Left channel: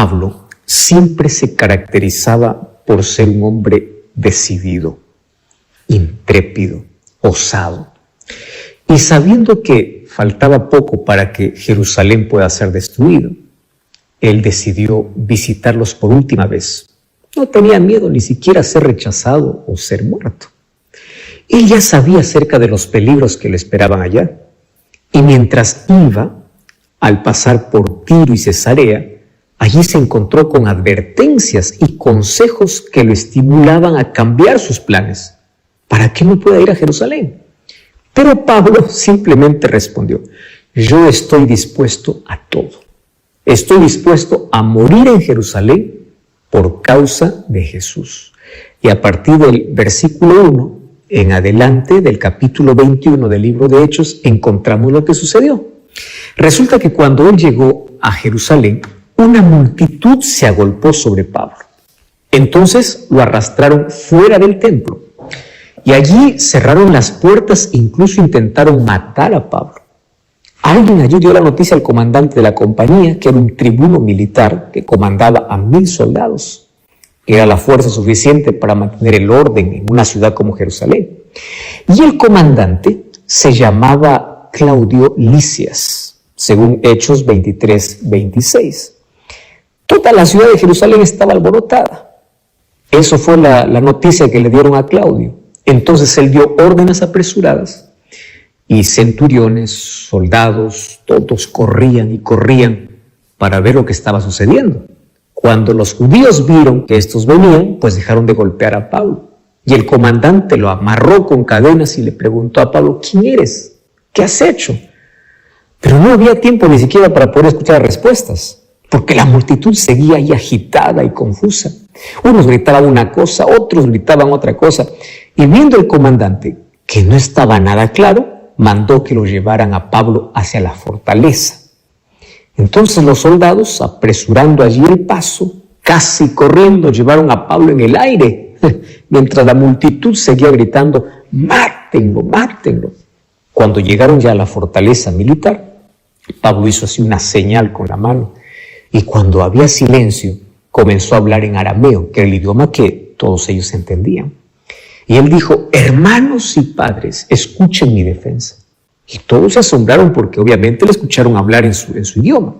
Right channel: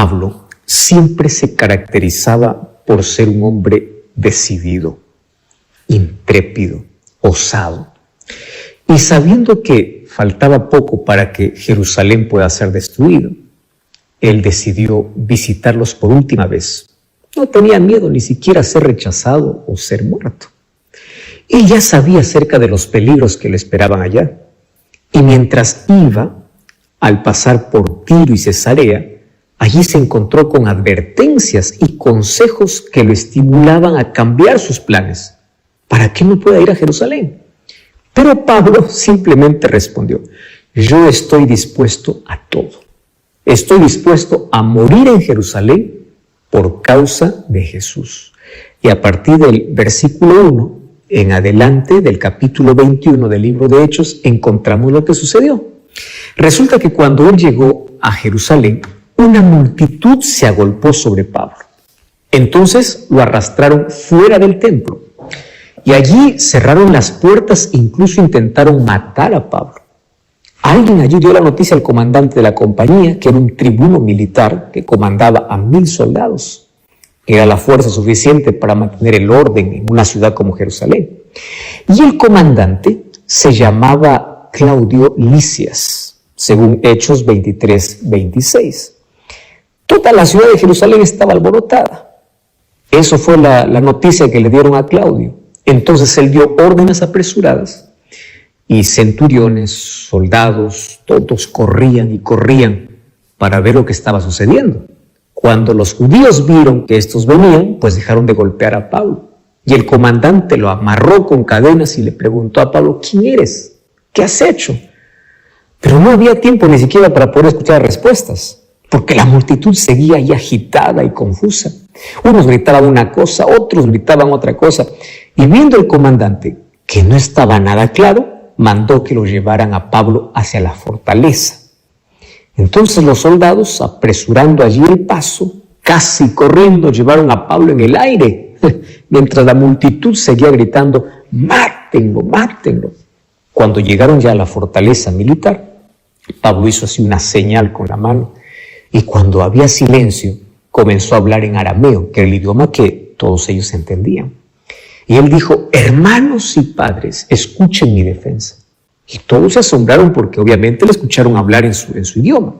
Pablo siempre se caracterizaba por ser un hombre decidido, intrépido, osado. Y sabiendo que faltaba poco para que Jerusalén pueda ser destruido, él decidió visitarlos por última vez. No tenía miedo ni siquiera a ser rechazado o ser muerto. Él ya sabía acerca de los peligros que le esperaban allá. Y mientras iba, al pasar por Tiro y Cesarea, allí se encontró con advertencias y consejos que lo estimulaban a cambiar sus planes para que no pueda ir a Jerusalén. Pero Pablo simplemente respondió: yo estoy dispuesto a todo. Estoy dispuesto a morir en Jerusalén por causa de Jesús. Y a partir del versículo 1 en adelante del capítulo 21 del libro de Hechos encontramos lo que sucedió. Resulta que cuando él llegó a Jerusalén, una multitud se agolpó sobre Pablo. Entonces lo arrastraron fuera del templo y allí cerraron las puertas e incluso intentaron matar a Pablo. Alguien allí dio la noticia al comandante de la compañía, que era un tribuno militar que comandaba a 1000 soldados. Era la fuerza suficiente para mantener el orden en una ciudad como Jerusalén. Y el comandante se llamaba Claudio Lisias, según Hechos 23-26. Toda la ciudad de Jerusalén estaba alborotada. Eso fue la noticia que le dieron a Claudio. Entonces él dio órdenes apresuradas y centuriones, soldados, todos corrían y corrían para ver lo que estaba sucediendo. Cuando los judíos vieron que estos venían, pues dejaron de golpear a Pablo. Y el comandante lo amarró con cadenas y le preguntó a Pablo: ¿quién eres? ¿Qué has hecho? Pero no había tiempo ni siquiera para poder escuchar respuestas, porque la multitud seguía ahí agitada y confusa. Unos gritaban una cosa, otros gritaban otra cosa. Y viendo el comandante que no estaba nada claro, mandó que lo llevaran a Pablo hacia la fortaleza. Entonces los soldados, apresurando allí el paso, casi corriendo, llevaron a Pablo en el aire, mientras la multitud seguía gritando: ¡mátenlo, mátenlo! Cuando llegaron ya a la fortaleza militar, Pablo hizo así una señal con la mano, y cuando había silencio, comenzó a hablar en arameo, que era el idioma que todos ellos entendían. Y él dijo: hermanos y padres, escuchen mi defensa. Y todos se asombraron porque obviamente le escucharon hablar en su idioma.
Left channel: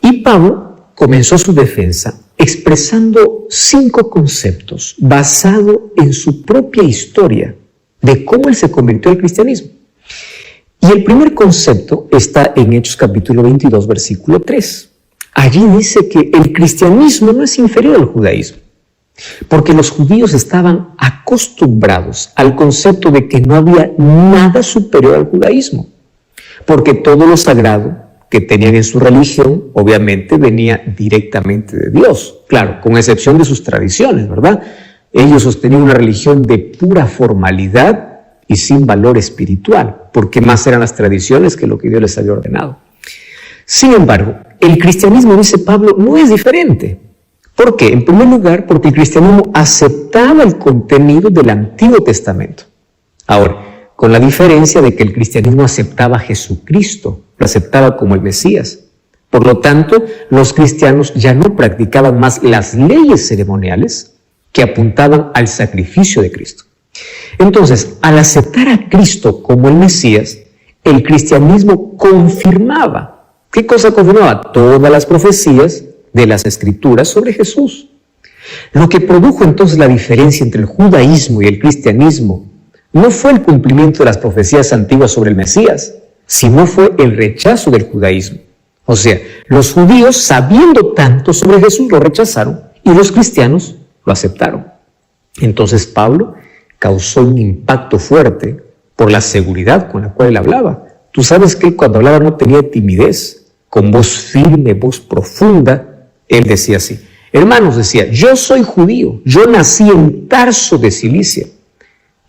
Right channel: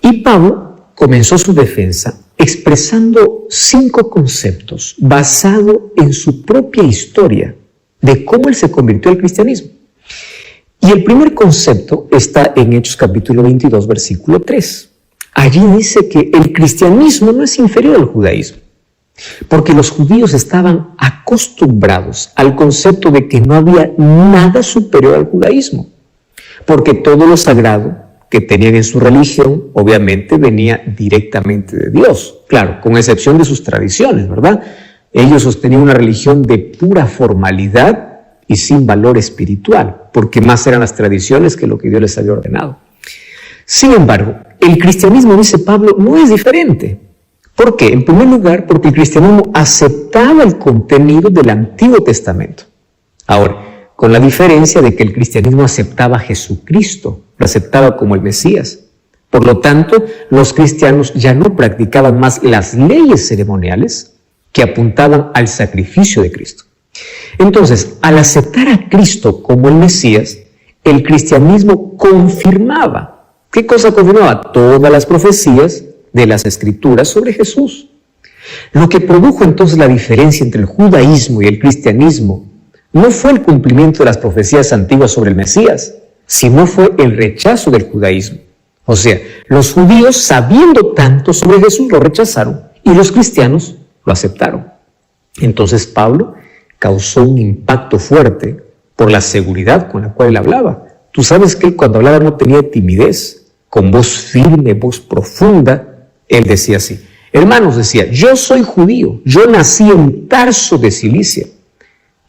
Y Pablo comenzó su defensa expresando 5 conceptos basados en su propia historia de cómo él se convirtió al cristianismo. Y el primer concepto está en Hechos capítulo 22, versículo 3. Allí dice que el cristianismo no es inferior al judaísmo, porque los judíos estaban acostumbrados al concepto de que no había nada superior al judaísmo, porque todo lo sagrado que tenían en su religión obviamente venía directamente de Dios, claro, con excepción de sus tradiciones, ¿verdad? Ellos sostenían una religión de pura formalidad y sin valor espiritual, porque más eran las tradiciones que lo que Dios les había ordenado. Sin embargo, el cristianismo, dice Pablo, no es diferente. ¿Por qué? En primer lugar, porque el cristianismo aceptaba el contenido del Antiguo Testamento. Ahora, con la diferencia de que el cristianismo aceptaba a Jesucristo, lo aceptaba como el Mesías. Por lo tanto, los cristianos ya no practicaban más las leyes ceremoniales que apuntaban al sacrificio de Cristo. Entonces, al aceptar a Cristo como el Mesías, el cristianismo confirmaba. ¿Qué cosa confirmaba? Todas las profecías de las Escrituras sobre Jesús. Lo que produjo entonces la diferencia entre el judaísmo y el cristianismo no fue el cumplimiento de las profecías antiguas sobre el Mesías, sino fue el rechazo del judaísmo. O sea, los judíos, sabiendo tanto sobre Jesús, lo rechazaron y los cristianos lo aceptaron. Entonces Pablo causó un impacto fuerte por la seguridad con la cual él hablaba. Tú sabes que cuando hablaba no tenía timidez, con voz firme, voz profunda, él decía así: hermanos, decía, yo soy judío, yo nací en Tarso de Cilicia,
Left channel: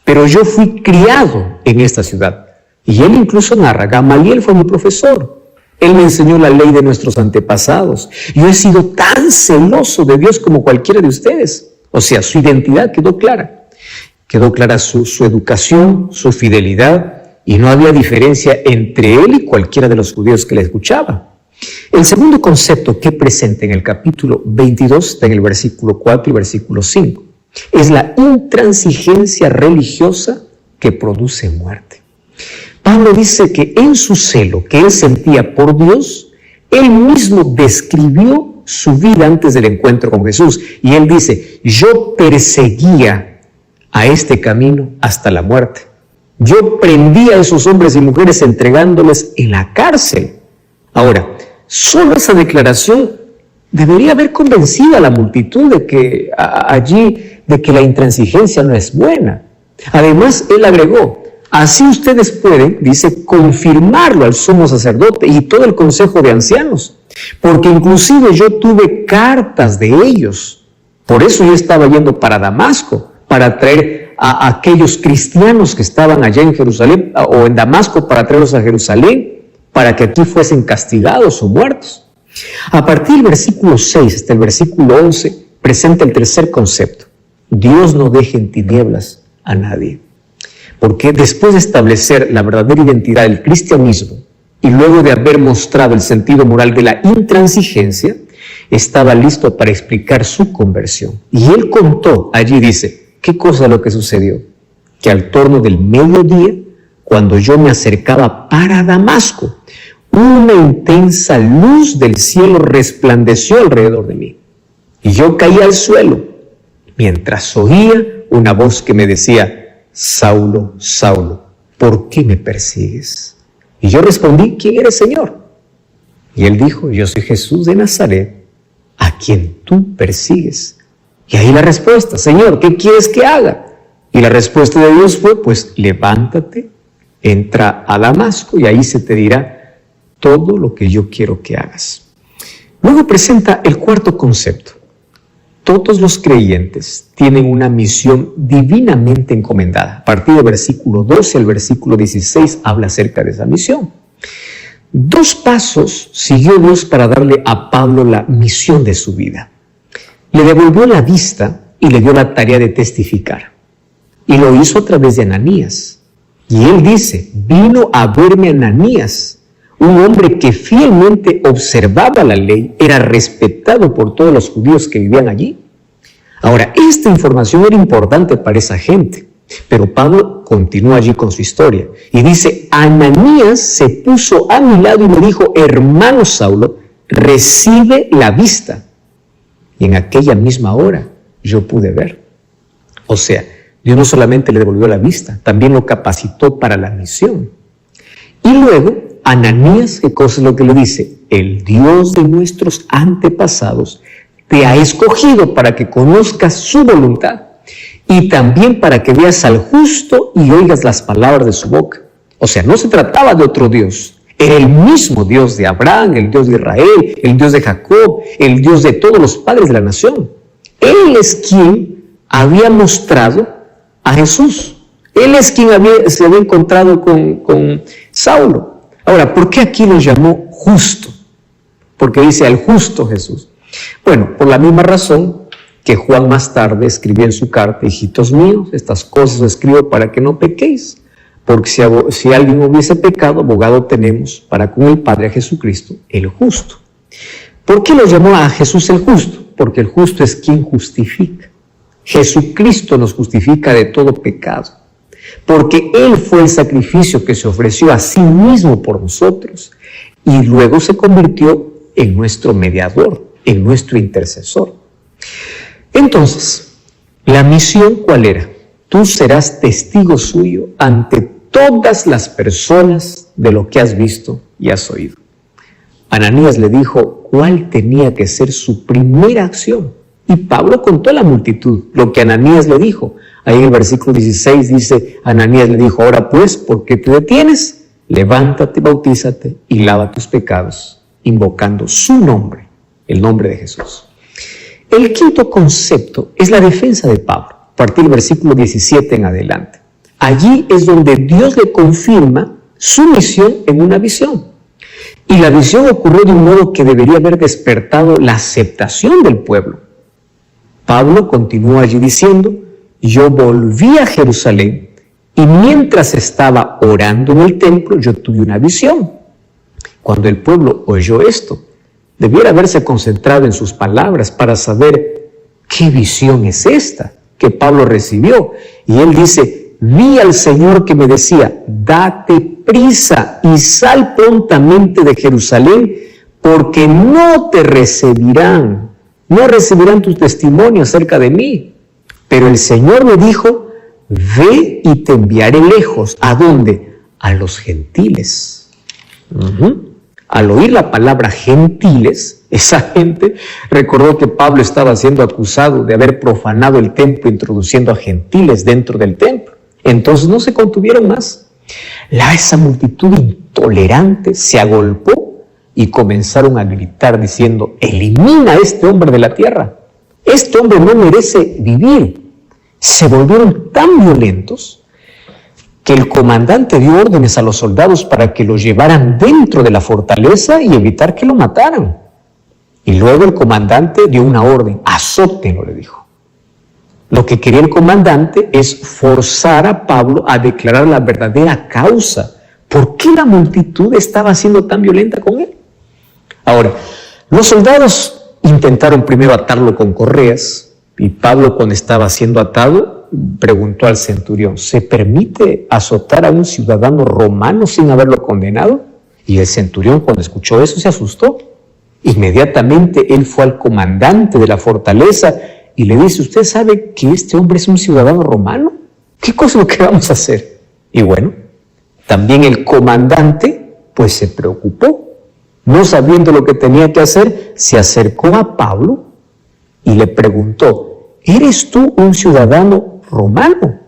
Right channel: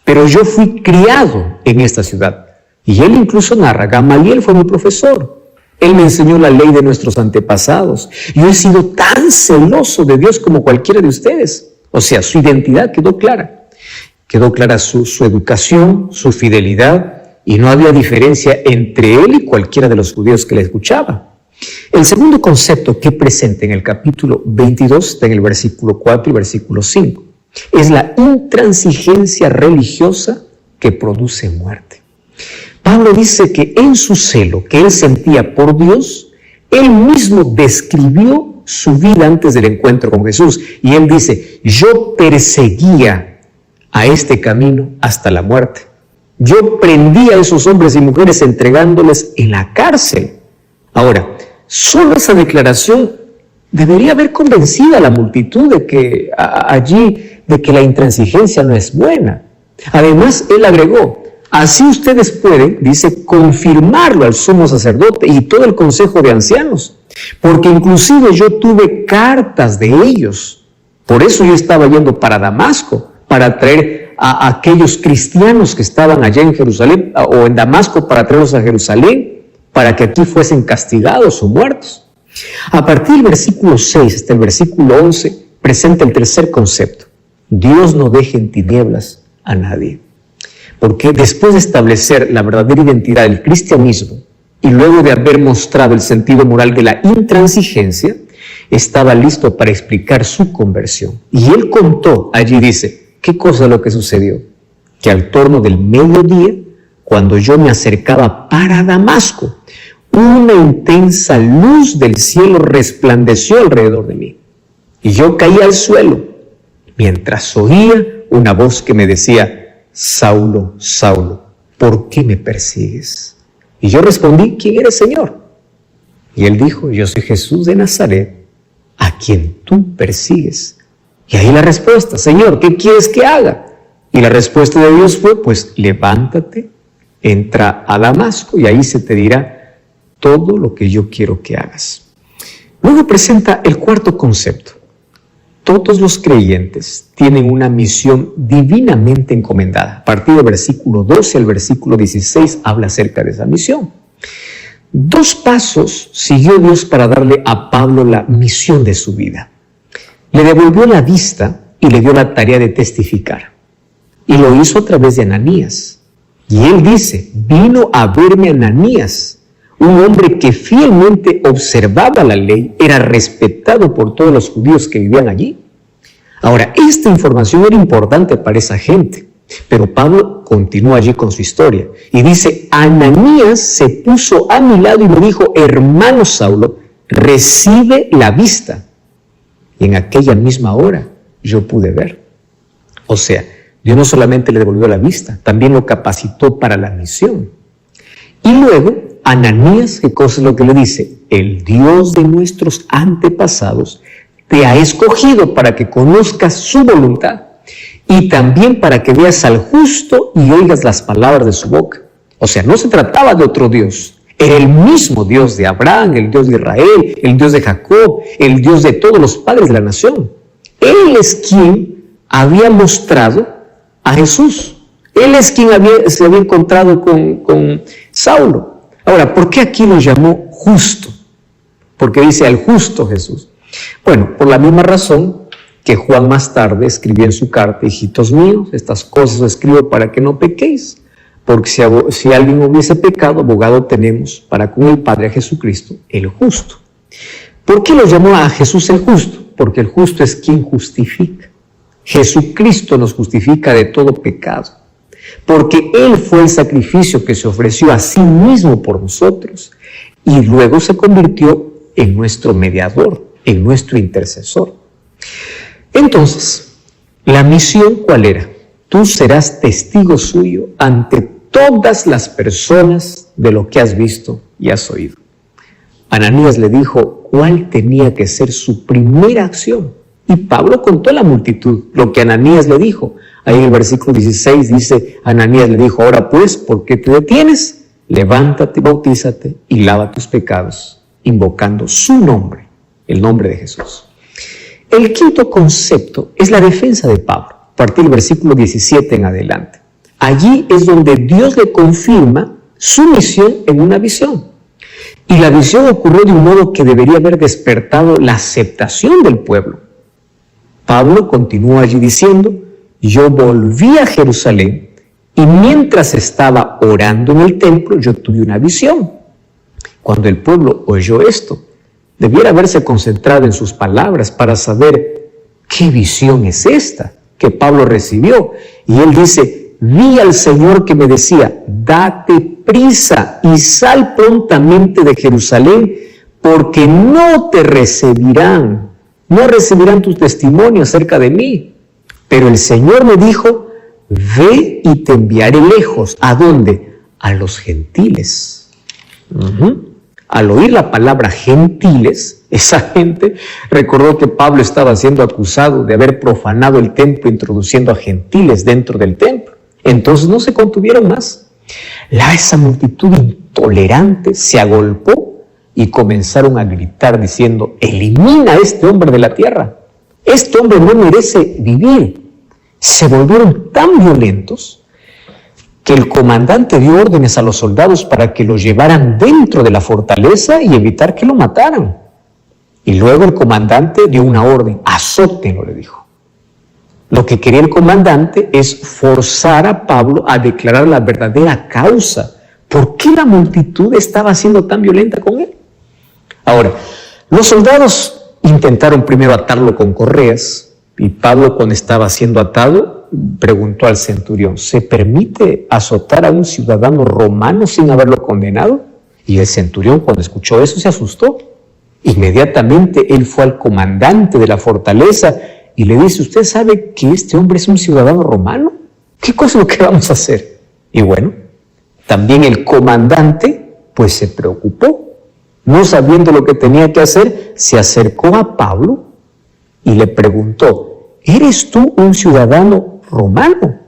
pero yo fui criado en esta ciudad. Y él incluso narra: Gamaliel fue mi profesor, él me enseñó la ley de nuestros antepasados, yo he sido tan celoso de Dios como cualquiera de ustedes. O sea, su identidad quedó clara su educación, su fidelidad, y no había diferencia entre él y cualquiera de los judíos que le escuchaba. El segundo concepto que presenta en el capítulo 22, está en el versículo 4 y versículo 5, es la intransigencia religiosa que produce muerte. Pablo dice que en su celo que él sentía por Dios, él mismo describió su vida antes del encuentro con Jesús. Y él dice, yo perseguía a este camino hasta la muerte. Yo prendía a esos hombres y mujeres entregándoles en la cárcel. Ahora, solo esa declaración debería haber convencido a la multitud de que de que la intransigencia no es buena. Además, él agregó, así ustedes pueden, dice, confirmarlo al sumo sacerdote y todo el consejo de ancianos, porque inclusive yo tuve cartas de ellos. Por eso yo estaba yendo para Damasco, para traer a aquellos cristianos que estaban allá en Jerusalén, o en Damasco, para traerlos a Jerusalén, para que aquí fuesen castigados o muertos. A partir del versículo 6 hasta el versículo 11, presenta el tercer concepto. Dios no deja en tinieblas a nadie. Porque después de establecer la verdadera identidad del cristianismo y luego de haber mostrado el sentido moral de la intransigencia, estaba listo para explicar su conversión. Y él contó, allí dice, ¿qué cosa es lo que sucedió? Que al torno del mediodía, cuando yo me acercaba para Damasco, una intensa luz del cielo resplandeció alrededor de mí. Y yo caí al suelo, mientras oía una voz que me decía, Saulo, Saulo, ¿por qué me persigues? Y yo respondí, ¿quién eres, Señor? Y él dijo, yo soy Jesús de Nazaret, a quien tú persigues. Y ahí la respuesta, Señor, ¿qué quieres que haga? Y la respuesta de Dios fue, pues levántate, entra a Damasco y ahí se te dirá todo lo que yo quiero que hagas. Luego presenta el cuarto concepto. Todos los creyentes tienen una misión divinamente encomendada. A partir del versículo 12 al versículo 16 habla acerca de esa misión. 2 pasos siguió Dios para darle a Pablo la misión de su vida. Le devolvió la vista y le dio la tarea de testificar. Y lo hizo a través de Ananías. Y él dice, vino a verme Ananías, un hombre que fielmente observaba la ley, era respetado por todos los judíos que vivían allí. Ahora, esta información era importante para esa gente, pero Pablo continúa allí con su historia y dice, Ananías se puso a mi lado y me dijo, hermano Saulo, recibe la vista. Y en aquella misma hora yo pude ver. O sea, Dios no solamente le devolvió la vista, también lo capacitó para la misión. Y luego, Ananías, ¿qué cosa es lo que le dice? El Dios de nuestros antepasados te ha escogido para que conozcas su voluntad y también para que veas al justo y oigas las palabras de su boca. O sea, no se trataba de otro Dios. Era el mismo Dios de Abraham, el Dios de Israel, el Dios de Jacob, el Dios de todos los padres de la nación. Él es quien había mostrado a Jesús. Él es quien se había encontrado con Saulo. Ahora, ¿por qué aquí lo llamó justo? Porque dice al justo Jesús. Bueno, por la misma razón que Juan más tarde escribió en su carta, hijitos míos, estas cosas os escribo para que no pequéis. Porque si alguien hubiese pecado, abogado tenemos para con el Padre Jesucristo, el justo. ¿Por qué lo llamó a Jesús el justo? Porque el justo es quien justifica. Jesucristo nos justifica de todo pecado. Porque Él fue el sacrificio que se ofreció a sí mismo por nosotros. Y luego se convirtió en nuestro mediador, en nuestro intercesor. Entonces, ¿la misión cuál era? Tú serás testigo suyo ante todas las personas de lo que has visto y has oído. Ananías le dijo cuál tenía que ser su primera acción. Y Pablo contó a la multitud lo que Ananías le dijo. Ahí en el versículo 16 dice, Ananías le dijo, ahora pues, ¿por qué te detienes? Levántate, bautízate y lava tus pecados, invocando su nombre, el nombre de Jesús. El quinto concepto es la defensa de Pablo, a partir del versículo 17 en adelante. Allí es donde Dios le confirma su misión en una visión. Y la visión ocurrió de un modo que debería haber despertado la aceptación del pueblo. Pablo continúa allí diciendo, yo volví a Jerusalén y mientras estaba orando en el templo yo tuve una visión. Cuando el pueblo oyó esto, debiera haberse concentrado en sus palabras para saber qué visión es esta que Pablo recibió. Y él dice: vi al Señor que me decía, date prisa y sal prontamente de Jerusalén, porque no recibirán tu testimonio acerca de mí. Pero el Señor me dijo, ve y te enviaré lejos. ¿A dónde? A los gentiles. Al oír la palabra gentiles, esa gente recordó que Pablo estaba siendo acusado de haber profanado el templo, introduciendo a gentiles dentro del templo. Entonces no se contuvieron más. Esa multitud intolerante se agolpó y comenzaron a gritar diciendo: elimina a este hombre de la tierra. Este hombre no merece vivir. Se volvieron tan violentos que el comandante dio órdenes a los soldados para que lo llevaran dentro de la fortaleza y evitar que lo mataran. Y luego el comandante dio una orden: azótenlo, le dijo. Lo que quería el comandante es forzar a Pablo a declarar la verdadera causa. ¿Por qué la multitud estaba siendo tan violenta con él? Ahora, los soldados intentaron primero atarlo con correas, y Pablo, cuando estaba siendo atado, preguntó al centurión: ¿se permite azotar a un ciudadano romano sin haberlo condenado? Y el centurión, cuando escuchó eso, se asustó. Inmediatamente él fue al comandante de la fortaleza y le dice: ¿usted sabe que este hombre es un ciudadano romano? ¿Qué cosa es lo que vamos a hacer? Y bueno, también el comandante pues se preocupó. No sabiendo lo que tenía que hacer, se acercó a Pablo y le preguntó: ¿eres tú un ciudadano romano?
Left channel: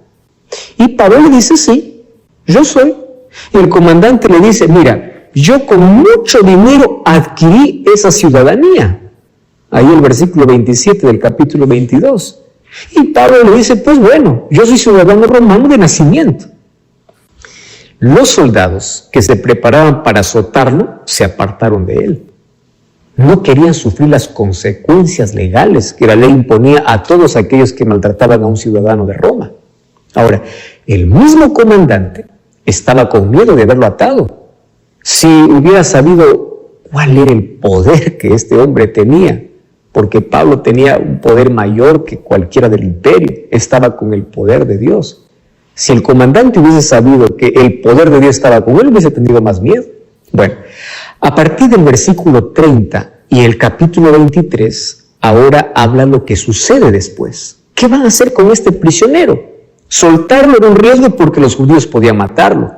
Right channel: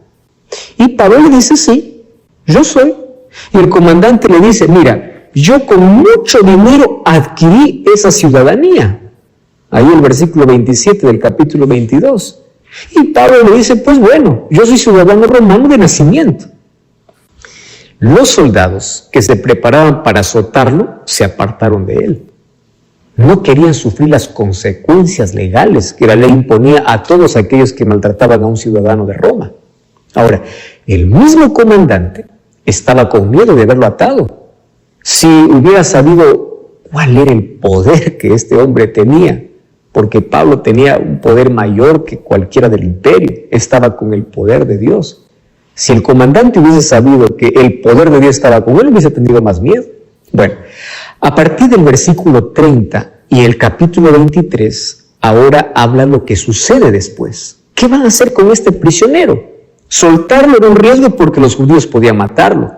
Y Pablo le dice: sí, yo soy. Y el comandante le dice: mira, yo con mucho dinero adquirí esa ciudadanía. Ahí el versículo 27 del capítulo 22. Y Pablo le dice: pues bueno, yo soy ciudadano romano de nacimiento. Los soldados que se preparaban para azotarlo se apartaron de él. No querían sufrir las consecuencias legales que la ley imponía a todos aquellos que maltrataban a un ciudadano de Roma. Ahora, el mismo comandante estaba con miedo de haberlo atado. Si hubiera sabido cuál era el poder que este hombre tenía, porque Pablo tenía un poder mayor que cualquiera del imperio, estaba con el poder de Dios. Si el comandante hubiese sabido que el poder de Dios estaba con él, hubiese tenido más miedo. Bueno, a partir del versículo 30 y el capítulo 23, ahora habla lo que sucede después. ¿Qué van a hacer con este prisionero? Soltarlo era un riesgo porque los judíos podían matarlo.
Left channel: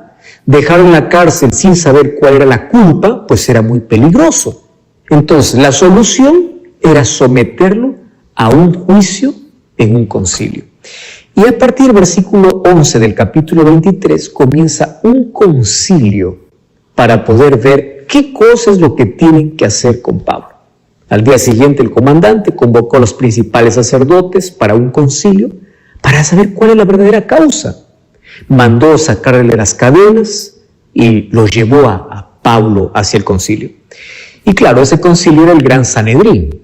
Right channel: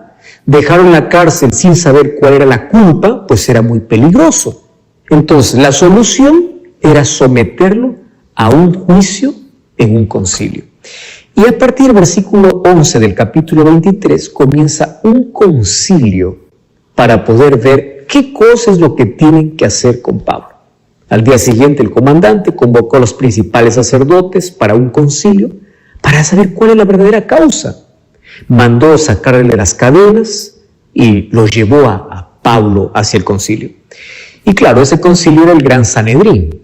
Dejarlo en la cárcel sin saber cuál era la culpa, pues era muy peligroso. Entonces, la solución era someterlo a un juicio en un concilio. Y a partir del versículo 11 del capítulo 23 comienza un concilio para poder ver qué cosa es lo que tienen que hacer con Pablo. Al día siguiente el comandante convocó a los principales sacerdotes para un concilio para saber cuál es la verdadera causa. Mandó sacarle las cadenas y lo llevó a Pablo hacia el concilio. Y claro, ese concilio era el Gran Sanedrín,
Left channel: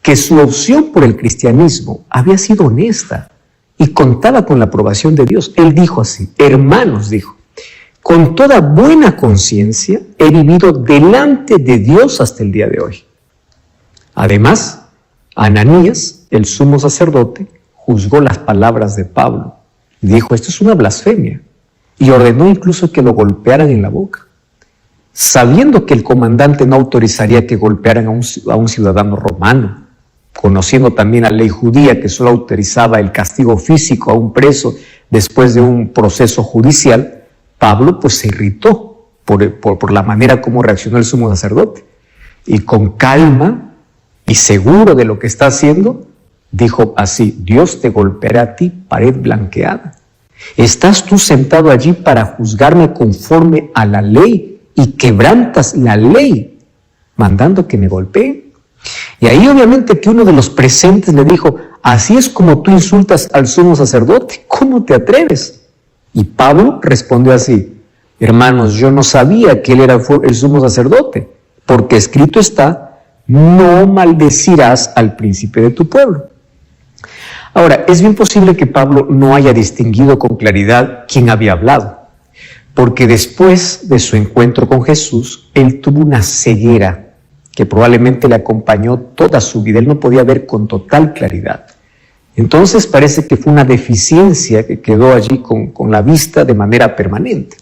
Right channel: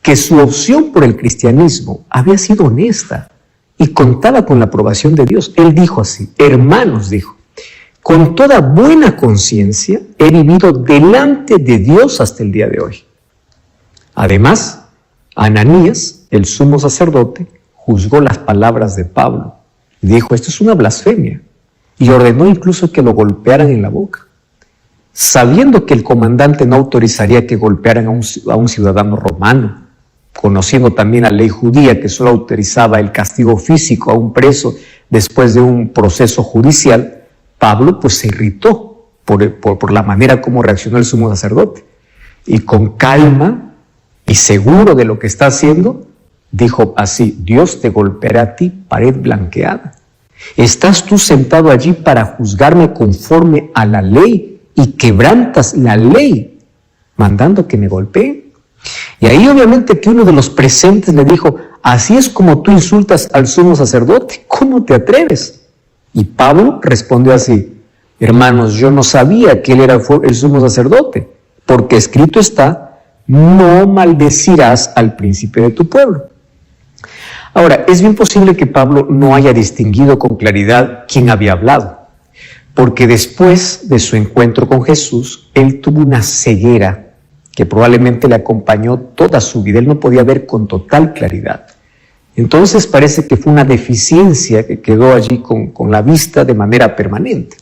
que su opción por el cristianismo había sido honesta y contaba con la aprobación de Dios. Él dijo así: hermanos, dijo, con toda buena conciencia he vivido delante de Dios hasta el día de hoy. Además, Ananías, el sumo sacerdote, juzgó las palabras de Pablo. Dijo: esto es una blasfemia, y ordenó incluso que lo golpearan en la boca, sabiendo que el comandante no autorizaría que golpearan a un ciudadano romano, conociendo también la ley judía que solo autorizaba el castigo físico a un preso después de un proceso judicial. Pablo pues se irritó por la manera como reaccionó el sumo sacerdote, y con calma y seguro de lo que está haciendo, dijo así: Dios te golpeará a ti, pared blanqueada. ¿Estás tú sentado allí para juzgarme conforme a la ley y quebrantas la ley mandando que me golpeen? Y ahí obviamente que uno de los presentes le dijo: así es como tú insultas al sumo sacerdote, ¿cómo te atreves? Y Pablo respondió así: hermanos, yo no sabía que él era el sumo sacerdote, porque escrito está: no maldecirás al príncipe de tu pueblo. Ahora, es bien posible que Pablo no haya distinguido con claridad quién había hablado, porque después de su encuentro con Jesús, él tuvo una ceguera que probablemente le acompañó toda su vida. Él no podía ver con total claridad. Entonces parece que fue una deficiencia que quedó allí con la vista de manera permanente.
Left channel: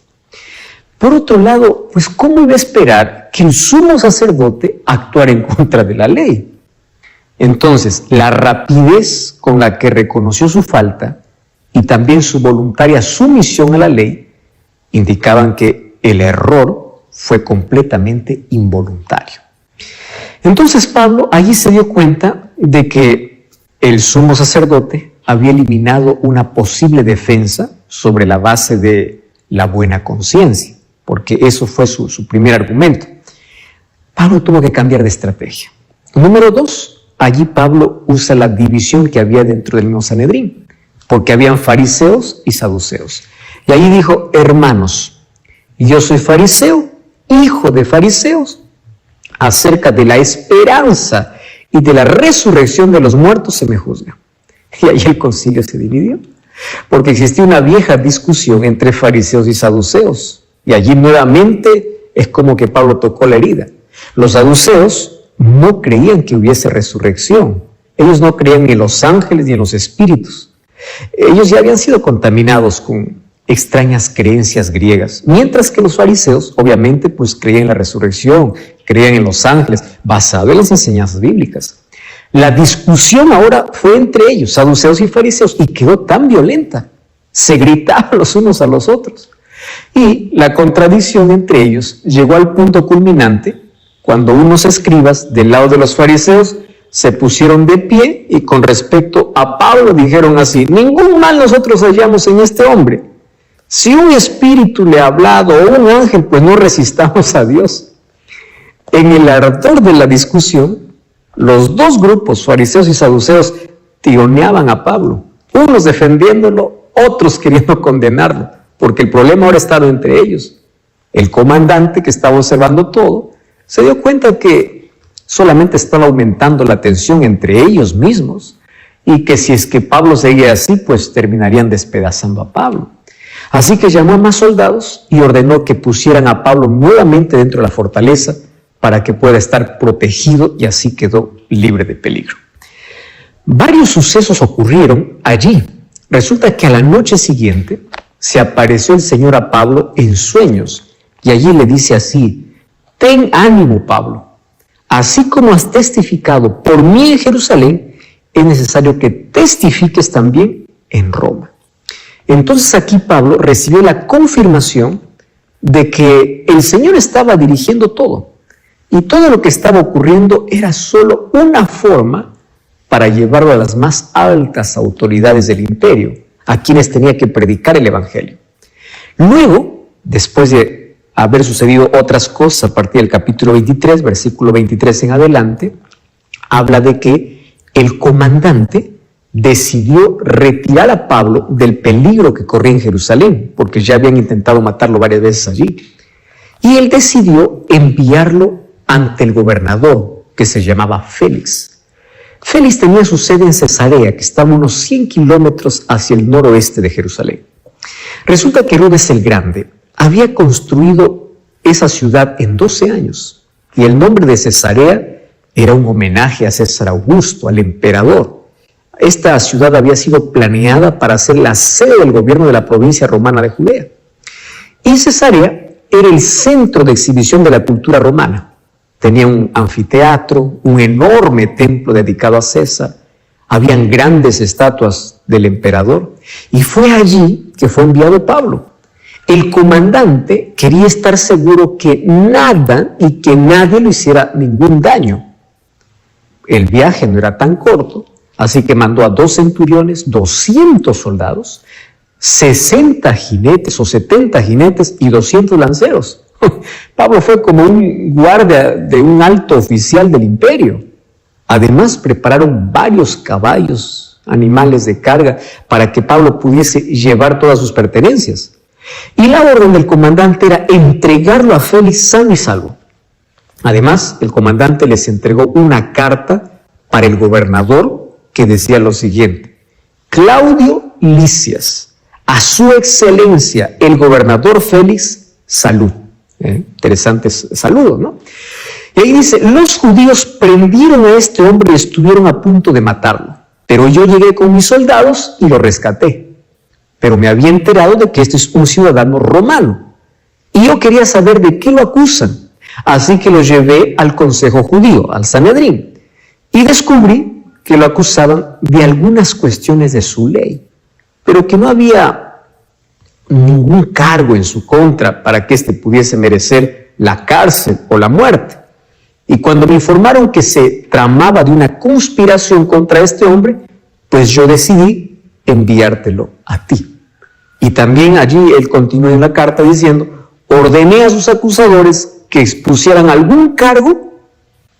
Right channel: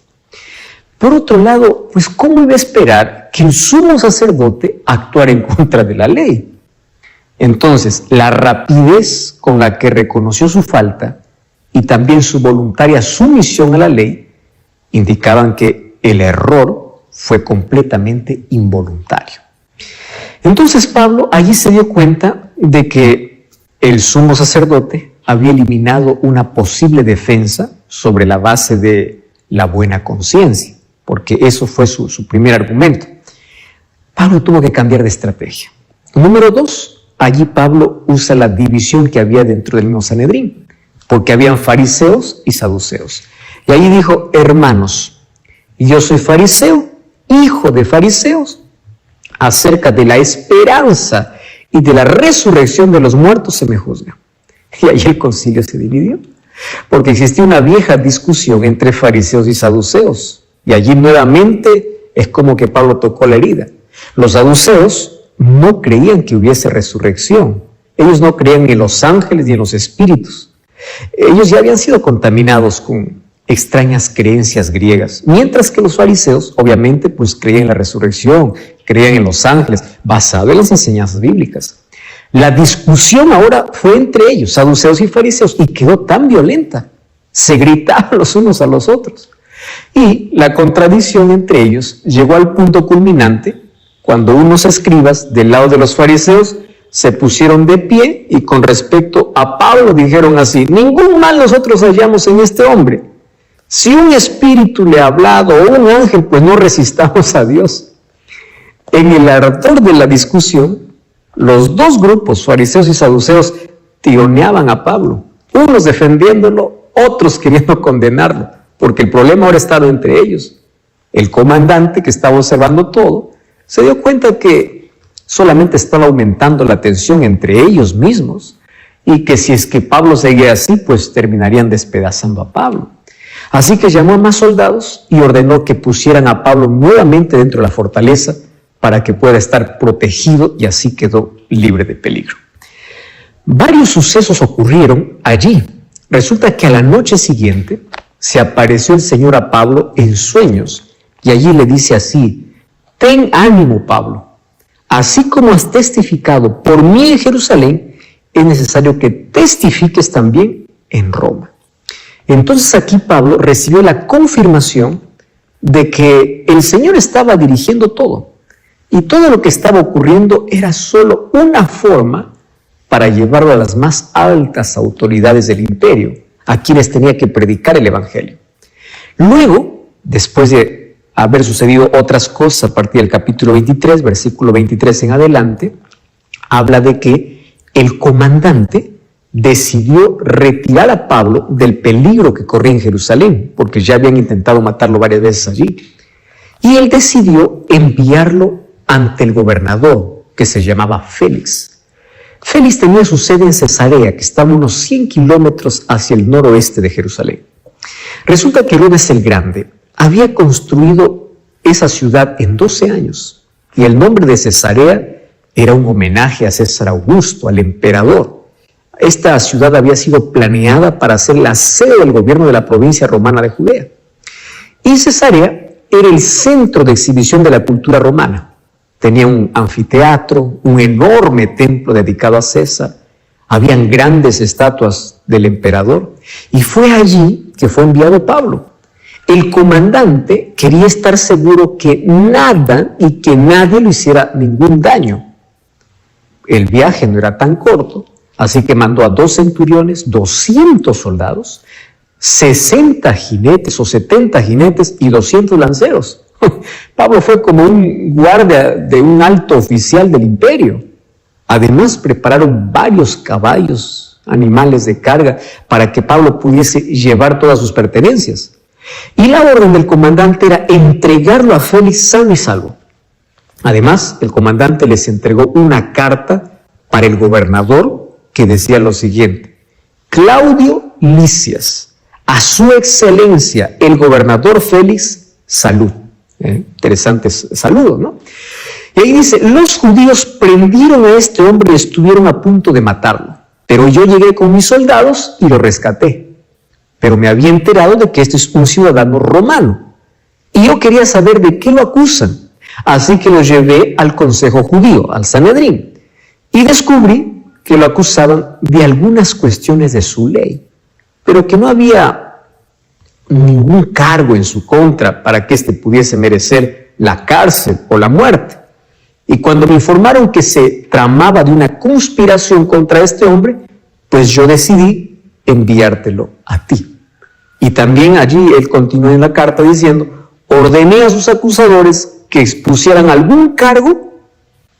Por otro lado, pues ¿cómo iba a esperar que el sumo sacerdote actuara en contra de la ley? Entonces, la rapidez con la que reconoció su falta y también su voluntaria sumisión a la ley indicaban que el error fue completamente involuntario. Entonces Pablo allí se dio cuenta de que el sumo sacerdote había eliminado una posible defensa sobre la base de la buena conciencia, porque eso fue su primer argumento. Pablo tuvo que cambiar de estrategia. Número 2, allí Pablo usa la división que había dentro del mismo Sanedrín, porque habían fariseos y saduceos. Y allí dijo: hermanos, yo soy fariseo, hijo de fariseos. Acerca de la esperanza y de la resurrección de los muertos se me juzga. Y allí el concilio se dividió, porque existía una vieja discusión entre fariseos y saduceos. Y allí nuevamente es como que Pablo tocó la herida. Los saduceos no creían que hubiese resurrección. Ellos no creían ni en los ángeles ni en los espíritus. Ellos ya habían sido contaminados con extrañas creencias griegas, mientras que los fariseos obviamente pues creían en la resurrección, creían en los ángeles, basado en las enseñanzas bíblicas. La discusión ahora fue entre ellos, saduceos y fariseos, y quedó tan violenta, se gritaban los unos a los otros, y la contradicción entre ellos llegó al punto culminante cuando unos escribas del lado de los fariseos se pusieron de pie y con respecto a Pablo dijeron así: ningún mal nosotros hallamos en este hombre. Si un espíritu le ha hablado o un ángel, pues no resistamos a Dios. En el ardor de la discusión, los dos grupos, fariseos y saduceos, tironeaban a Pablo, unos defendiéndolo, otros queriendo condenarlo, porque el problema ahora estaba entre ellos. El comandante, que estaba observando todo, se dio cuenta que solamente estaba aumentando la tensión entre ellos mismos y que si es que Pablo seguía así, pues terminarían despedazando a Pablo. Así que llamó a más soldados y ordenó que pusieran a Pablo nuevamente dentro de la fortaleza para que pueda estar protegido, y así quedó libre de peligro. Varios sucesos ocurrieron allí. Resulta que a la noche siguiente se apareció el Señor a Pablo en sueños y allí le dice así: ten ánimo, Pablo, así como has testificado por mí en Jerusalén, es necesario que testifiques también en Roma. Entonces aquí Pablo recibió la confirmación de que el Señor estaba dirigiendo todo, y todo lo que estaba ocurriendo era solo una forma para llevarlo a las más altas autoridades del imperio, a quienes tenía que predicar el Evangelio. Luego, después de haber sucedido otras cosas, a partir del capítulo 23, versículo 23 en adelante, habla de que el comandante decidió retirar a Pablo del peligro que corría en Jerusalén, porque ya habían intentado matarlo varias veces allí. Y él decidió enviarlo ante el gobernador, que se llamaba Félix. Félix tenía su sede en Cesarea, que estaba a unos 100 kilómetros hacia el noroeste de Jerusalén. Resulta que Herodes el Grande había construido esa ciudad en 12 años, y el nombre de Cesarea era un homenaje a César Augusto, al emperador. Esta ciudad había sido planeada para ser la sede del gobierno de la provincia romana de Judea. Y Cesarea era el centro de exhibición de la cultura romana. Tenía un anfiteatro, un enorme templo dedicado a César. Habían grandes estatuas del emperador. Y fue allí que fue enviado Pablo. El comandante quería estar seguro que nada y que nadie le hiciera ningún daño. El viaje no era tan corto, así que mandó a 2 centuriones, 200 soldados, 60 jinetes o 70 jinetes y 200 lanceros. Pablo fue como un guardia de un alto oficial del imperio. Además, prepararon varios caballos, animales de carga, para que Pablo pudiese llevar todas sus pertenencias. Y la orden del comandante era entregarlo a Félix sano y salvo. Además, el comandante les entregó una carta para el gobernador que decía lo siguiente: Claudio Lisias A su excelencia, el gobernador Félix, salud. Interesantes saludos, ¿no? Y ahí dice, los judíos prendieron a este hombre y estuvieron a punto de matarlo, pero yo llegué con mis soldados y lo rescaté. Pero me había enterado de que este es un ciudadano romano, y yo quería saber de qué lo acusan. Así que lo llevé al consejo judío, al Sanedrín, y descubrí que lo acusaban de algunas cuestiones de su ley, pero que no había ningún cargo en su contra para que éste pudiese merecer la cárcel o la muerte. Y cuando me informaron que se tramaba de una conspiración contra este hombre, pues yo decidí enviártelo a ti. Y también allí él continúa en la carta diciendo, ordené a sus acusadores que expusieran algún cargo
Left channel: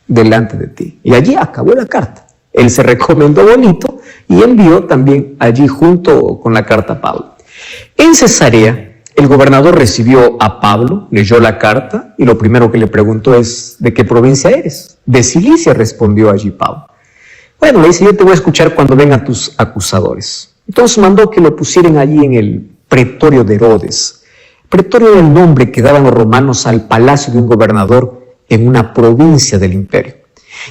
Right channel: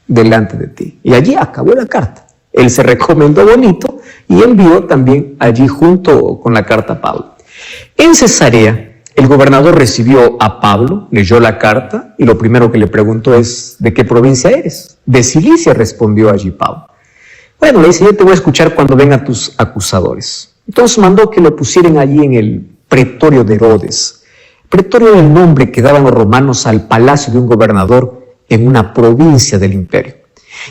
delante de ti. Y allí acabó la carta. Él se recomendó bonito y envió también allí junto con la carta a Pablo. En Cesarea, el gobernador recibió a Pablo, leyó la carta y lo primero que le preguntó es, ¿de qué provincia eres? De Cilicia, respondió allí Pablo. Bueno, le dice, yo te voy a escuchar cuando vengan tus acusadores. Entonces mandó que lo pusieran allí en el pretorio de Herodes. Pretorio era el nombre que daban los romanos al palacio de un gobernador en una provincia del imperio.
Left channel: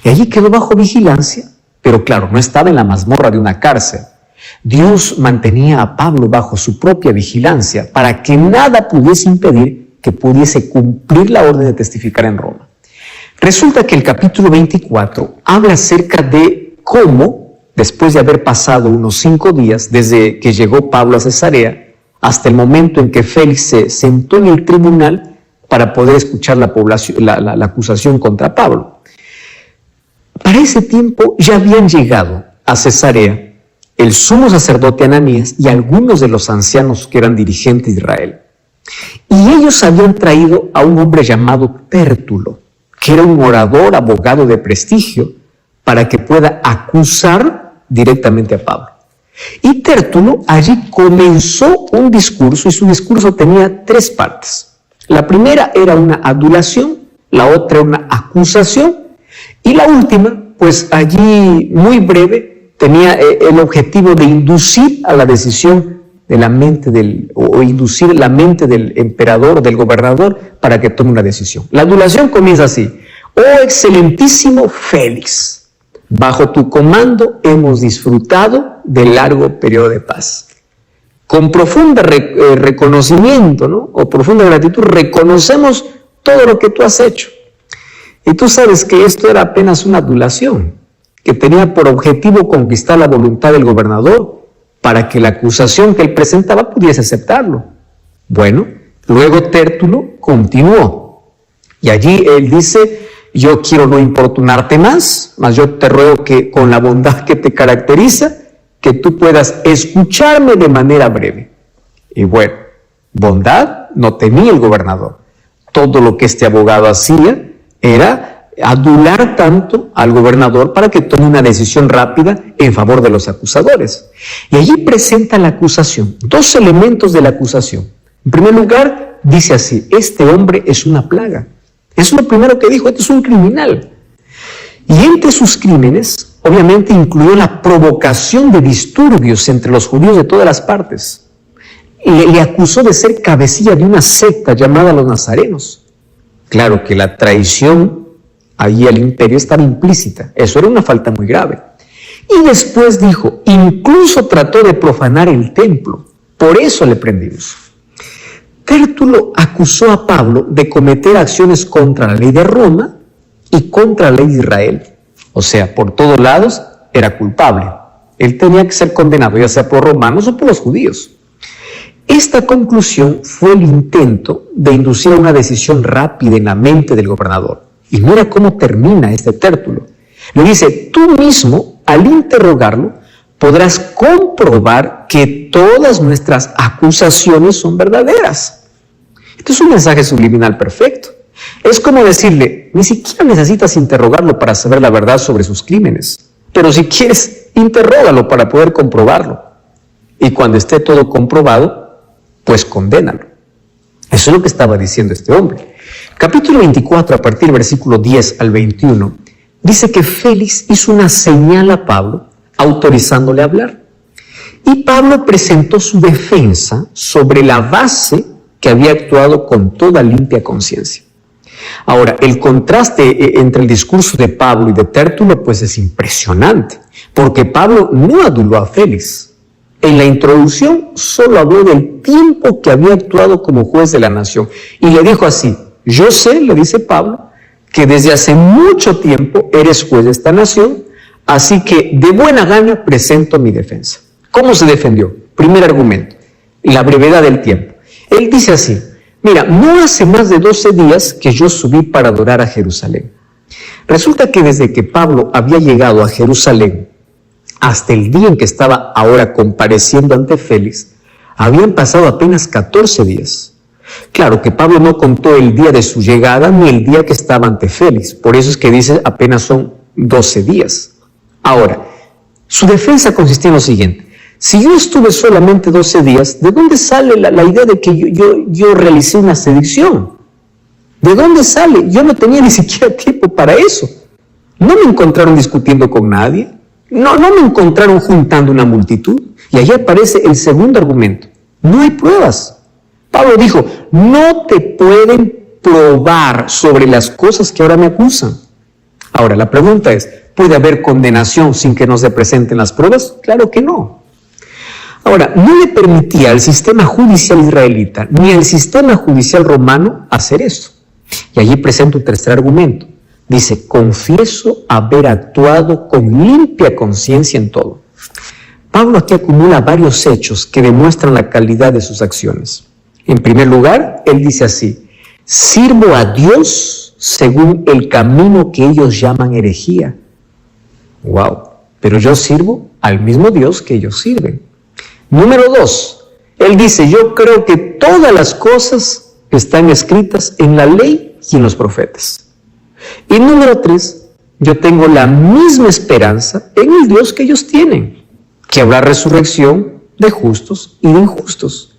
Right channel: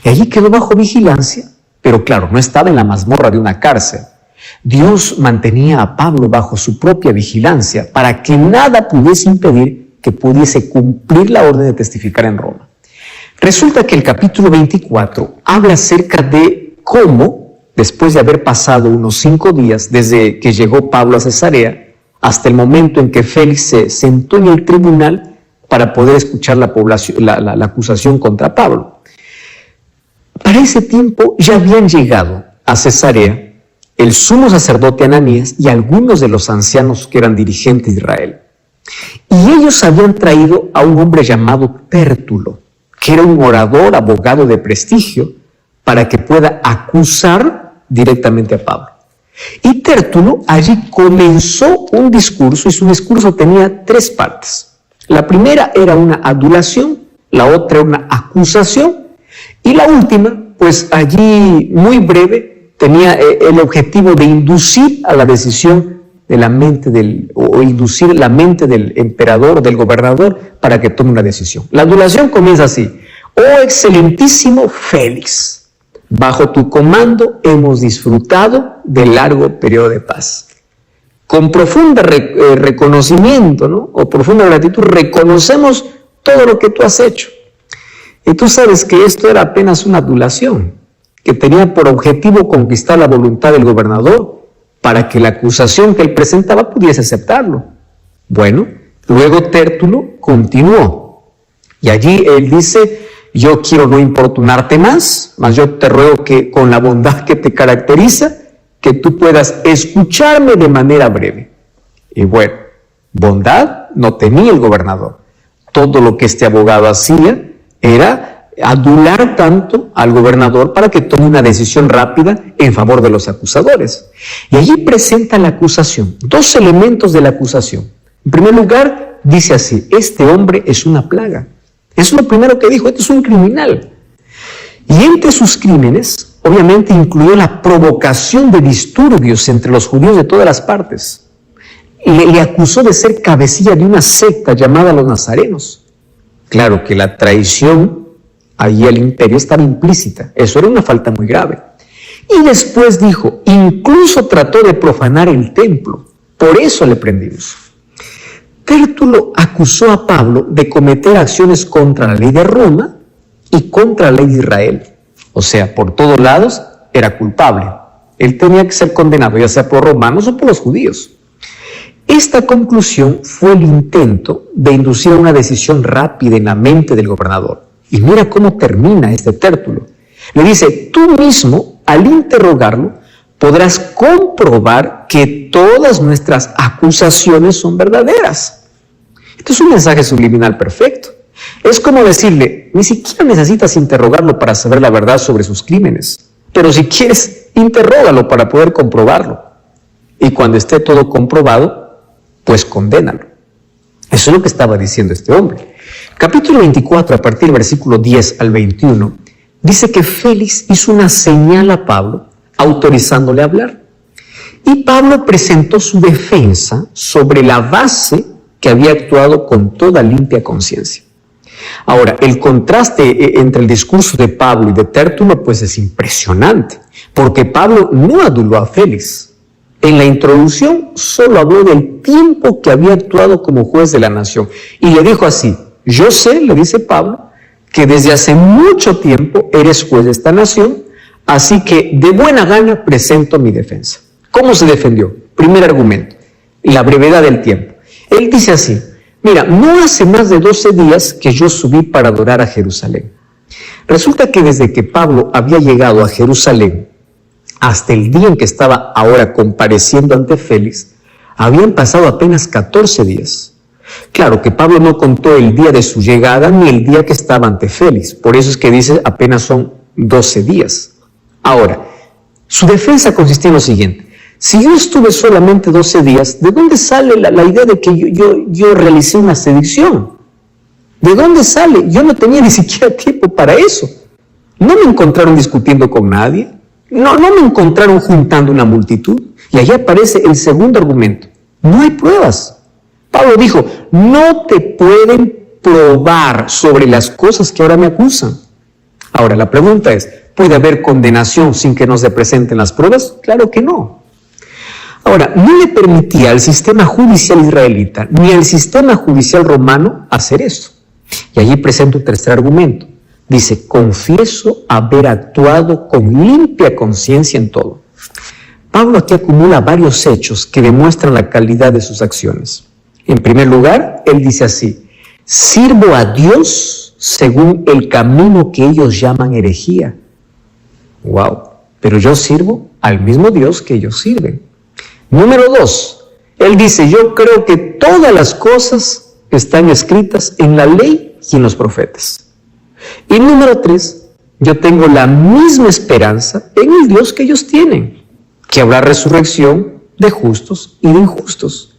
Y allí quedó bajo vigilancia, pero claro, no estaba en la mazmorra de una cárcel. Dios mantenía a Pablo bajo su propia vigilancia para que nada pudiese impedir que pudiese cumplir la orden de testificar en Roma. Resulta que el capítulo 24 habla acerca de cómo, después de haber pasado unos 5 días desde que llegó Pablo a Cesarea, hasta el momento en que Félix se sentó en el tribunal para poder escuchar la acusación contra Pablo. Para ese tiempo ya habían llegado a Cesarea el sumo sacerdote Ananías y algunos de los ancianos que eran dirigentes de Israel. Y ellos habían traído a un hombre llamado Tértulo, que era un orador, abogado de prestigio, para que pueda acusar directamente a Pablo. Y Tértulo allí comenzó un discurso, y su discurso tenía 3 partes. La primera era una adulación, la otra era una acusación, y la última, pues allí muy breve, tenía el objetivo de inducir a la decisión de la mente inducir la mente del emperador o del gobernador para que tome una decisión. La adulación comienza así: oh excelentísimo Félix, bajo tu comando hemos disfrutado del largo periodo de paz. Con profunda reconocimiento, ¿no? O profunda gratitud, reconocemos todo lo que tú has hecho. Y tú sabes que esto era apenas una adulación, que tenía por objetivo conquistar la voluntad del gobernador para que la acusación que él presentaba pudiese aceptarlo. Bueno, luego Tértulo continuó, y allí él dice, yo quiero no importunarte más, mas yo te ruego que con la bondad que te caracteriza, que tú puedas escucharme de manera breve. Y bueno, bondad no tenía el gobernador. Todo lo que este abogado hacía era adular tanto al gobernador para que tome una decisión rápida en favor de los acusadores. Y allí presenta la acusación, 2 elementos de la acusación. En primer lugar, dice así, este hombre es una plaga. Eso es lo primero que dijo, este es un criminal. Y entre sus crímenes, obviamente incluyó la provocación de disturbios entre los judíos de todas las partes. Le acusó de ser cabecilla de una secta llamada los nazarenos. Claro que la traición allí al imperio estaba implícita. Eso era una falta muy grave. Y después dijo, incluso trató de profanar el templo. Por eso le prendimos. Tértulo acusó a Pablo de cometer acciones contra la ley de Roma y contra la ley de Israel. O sea, por todos lados era culpable. Él tenía que ser condenado, ya sea por romanos o por los judíos. Esta conclusión fue el intento de inducir a una decisión rápida en la mente del gobernador. Y mira cómo termina este Tértulo. Le dice, tú mismo, al interrogarlo, podrás comprobar que todas nuestras acusaciones son verdaderas. Esto es un mensaje subliminal perfecto. Es como decirle, ni siquiera necesitas interrogarlo para saber la verdad sobre sus crímenes. Pero si quieres, interrógalo para poder comprobarlo. Y cuando esté todo comprobado, pues condénalo. Eso es lo que estaba diciendo este hombre. Capítulo 24, a partir del versículo 10 al 21, dice que Félix hizo una señal a Pablo, autorizándole a hablar. Y Pablo presentó su defensa sobre la base que había actuado con toda limpia conciencia. Ahora, el contraste entre el discurso de Pablo y de Tértulo pues es impresionante, porque Pablo no aduló a Félix. En la introducción solo habló del tiempo que había actuado como juez de la nación y le dijo así: yo sé, le dice Pablo, que desde hace mucho tiempo eres juez de esta nación, así que de buena gana presento mi defensa. ¿Cómo se defendió? Primer argumento, la brevedad del tiempo. Él dice así: mira, no hace más de 12 días que yo subí para adorar a Jerusalén. Resulta que desde que Pablo había llegado a Jerusalén hasta el día en que estaba ahora compareciendo ante Félix, habían pasado apenas 14 días. Claro que Pablo no contó el día de su llegada ni el día que estaba ante Félix, por eso es que dice apenas son 12 días. Ahora, su defensa consistía en lo siguiente: si yo estuve solamente 12 días, ¿de dónde sale la idea de que yo realicé una sedición? ¿De dónde sale? Yo no tenía ni siquiera tiempo para eso. No me encontraron discutiendo con nadie, no me encontraron juntando una multitud. Y allí aparece el segundo argumento: no hay pruebas. Pablo dijo: no te pueden probar sobre las cosas que ahora me acusan. Ahora, la pregunta es: ¿puede haber condenación sin que no se presenten las pruebas? Claro que no. Ahora, no le permitía al sistema judicial israelita ni al sistema judicial romano hacer esto. Y allí presenta un tercer argumento. Dice: confieso haber actuado con limpia conciencia en todo. Pablo aquí acumula varios hechos que demuestran la calidad de sus acciones. En primer lugar, él dice así: sirvo a Dios según el camino que ellos llaman herejía. ¡Wow! Pero yo sirvo al mismo Dios que ellos sirven. Número 2, él dice: yo creo que todas las cosas están escritas en la ley y en los profetas. Y número 3, yo tengo la misma esperanza en el Dios que ellos tienen, que habrá resurrección de justos y de injustos.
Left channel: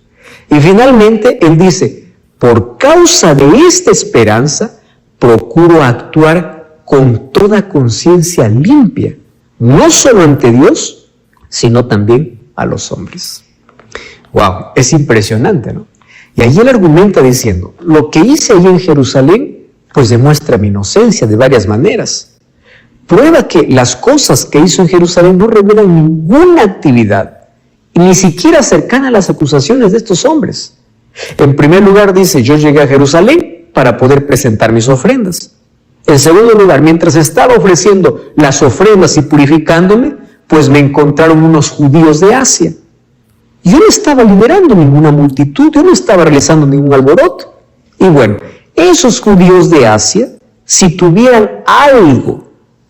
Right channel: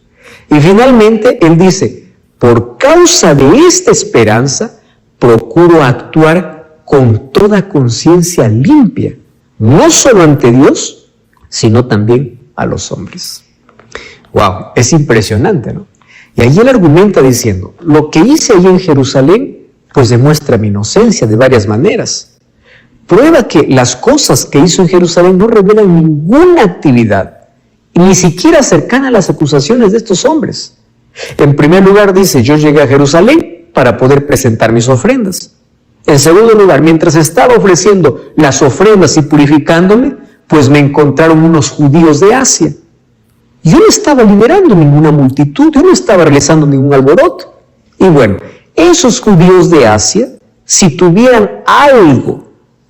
Y finalmente él dice: por causa de esta esperanza, procuro actuar con toda conciencia limpia, no solo ante Dios, sino también a los hombres. ¡Wow! Es impresionante, ¿no? Y allí él argumenta diciendo: lo que hice allí en Jerusalén, pues demuestra mi inocencia de varias maneras. Prueba que las cosas que hizo en Jerusalén no revelan ninguna actividad, ni siquiera cercana a las acusaciones de estos hombres. En primer lugar dice: yo llegué a Jerusalén para poder presentar mis ofrendas. En segundo lugar, mientras estaba ofreciendo las ofrendas y purificándome, pues me encontraron unos judíos de Asia. Yo no estaba liberando ninguna multitud, yo no estaba realizando ningún alboroto. Y bueno, esos judíos de Asia, si tuvieran algo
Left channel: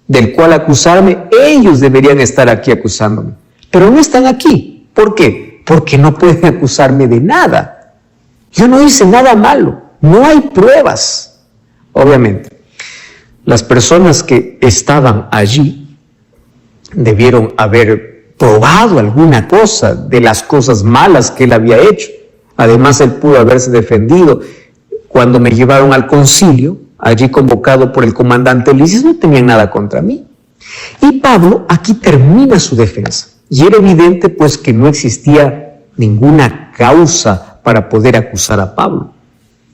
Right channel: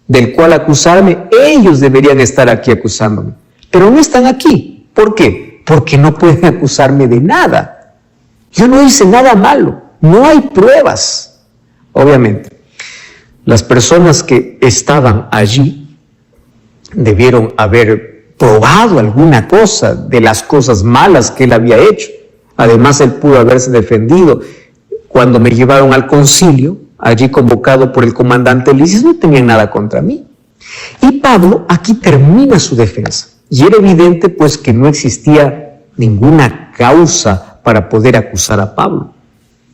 del cual acusarme, ellos deberían estar aquí acusándome. Pero no están aquí. ¿Por qué? Porque no pueden acusarme de nada. Yo no hice nada malo, no hay pruebas. Obviamente, las personas que estaban allí debieron haber probado alguna cosa de las cosas malas que él había hecho. Además, él pudo haberse defendido. Cuando me llevaron al concilio, allí convocado por el comandante Lisias, no tenían nada contra mí. Y Pablo aquí termina su defensa. Y era evidente pues que no existía ninguna causa para poder acusar a Pablo.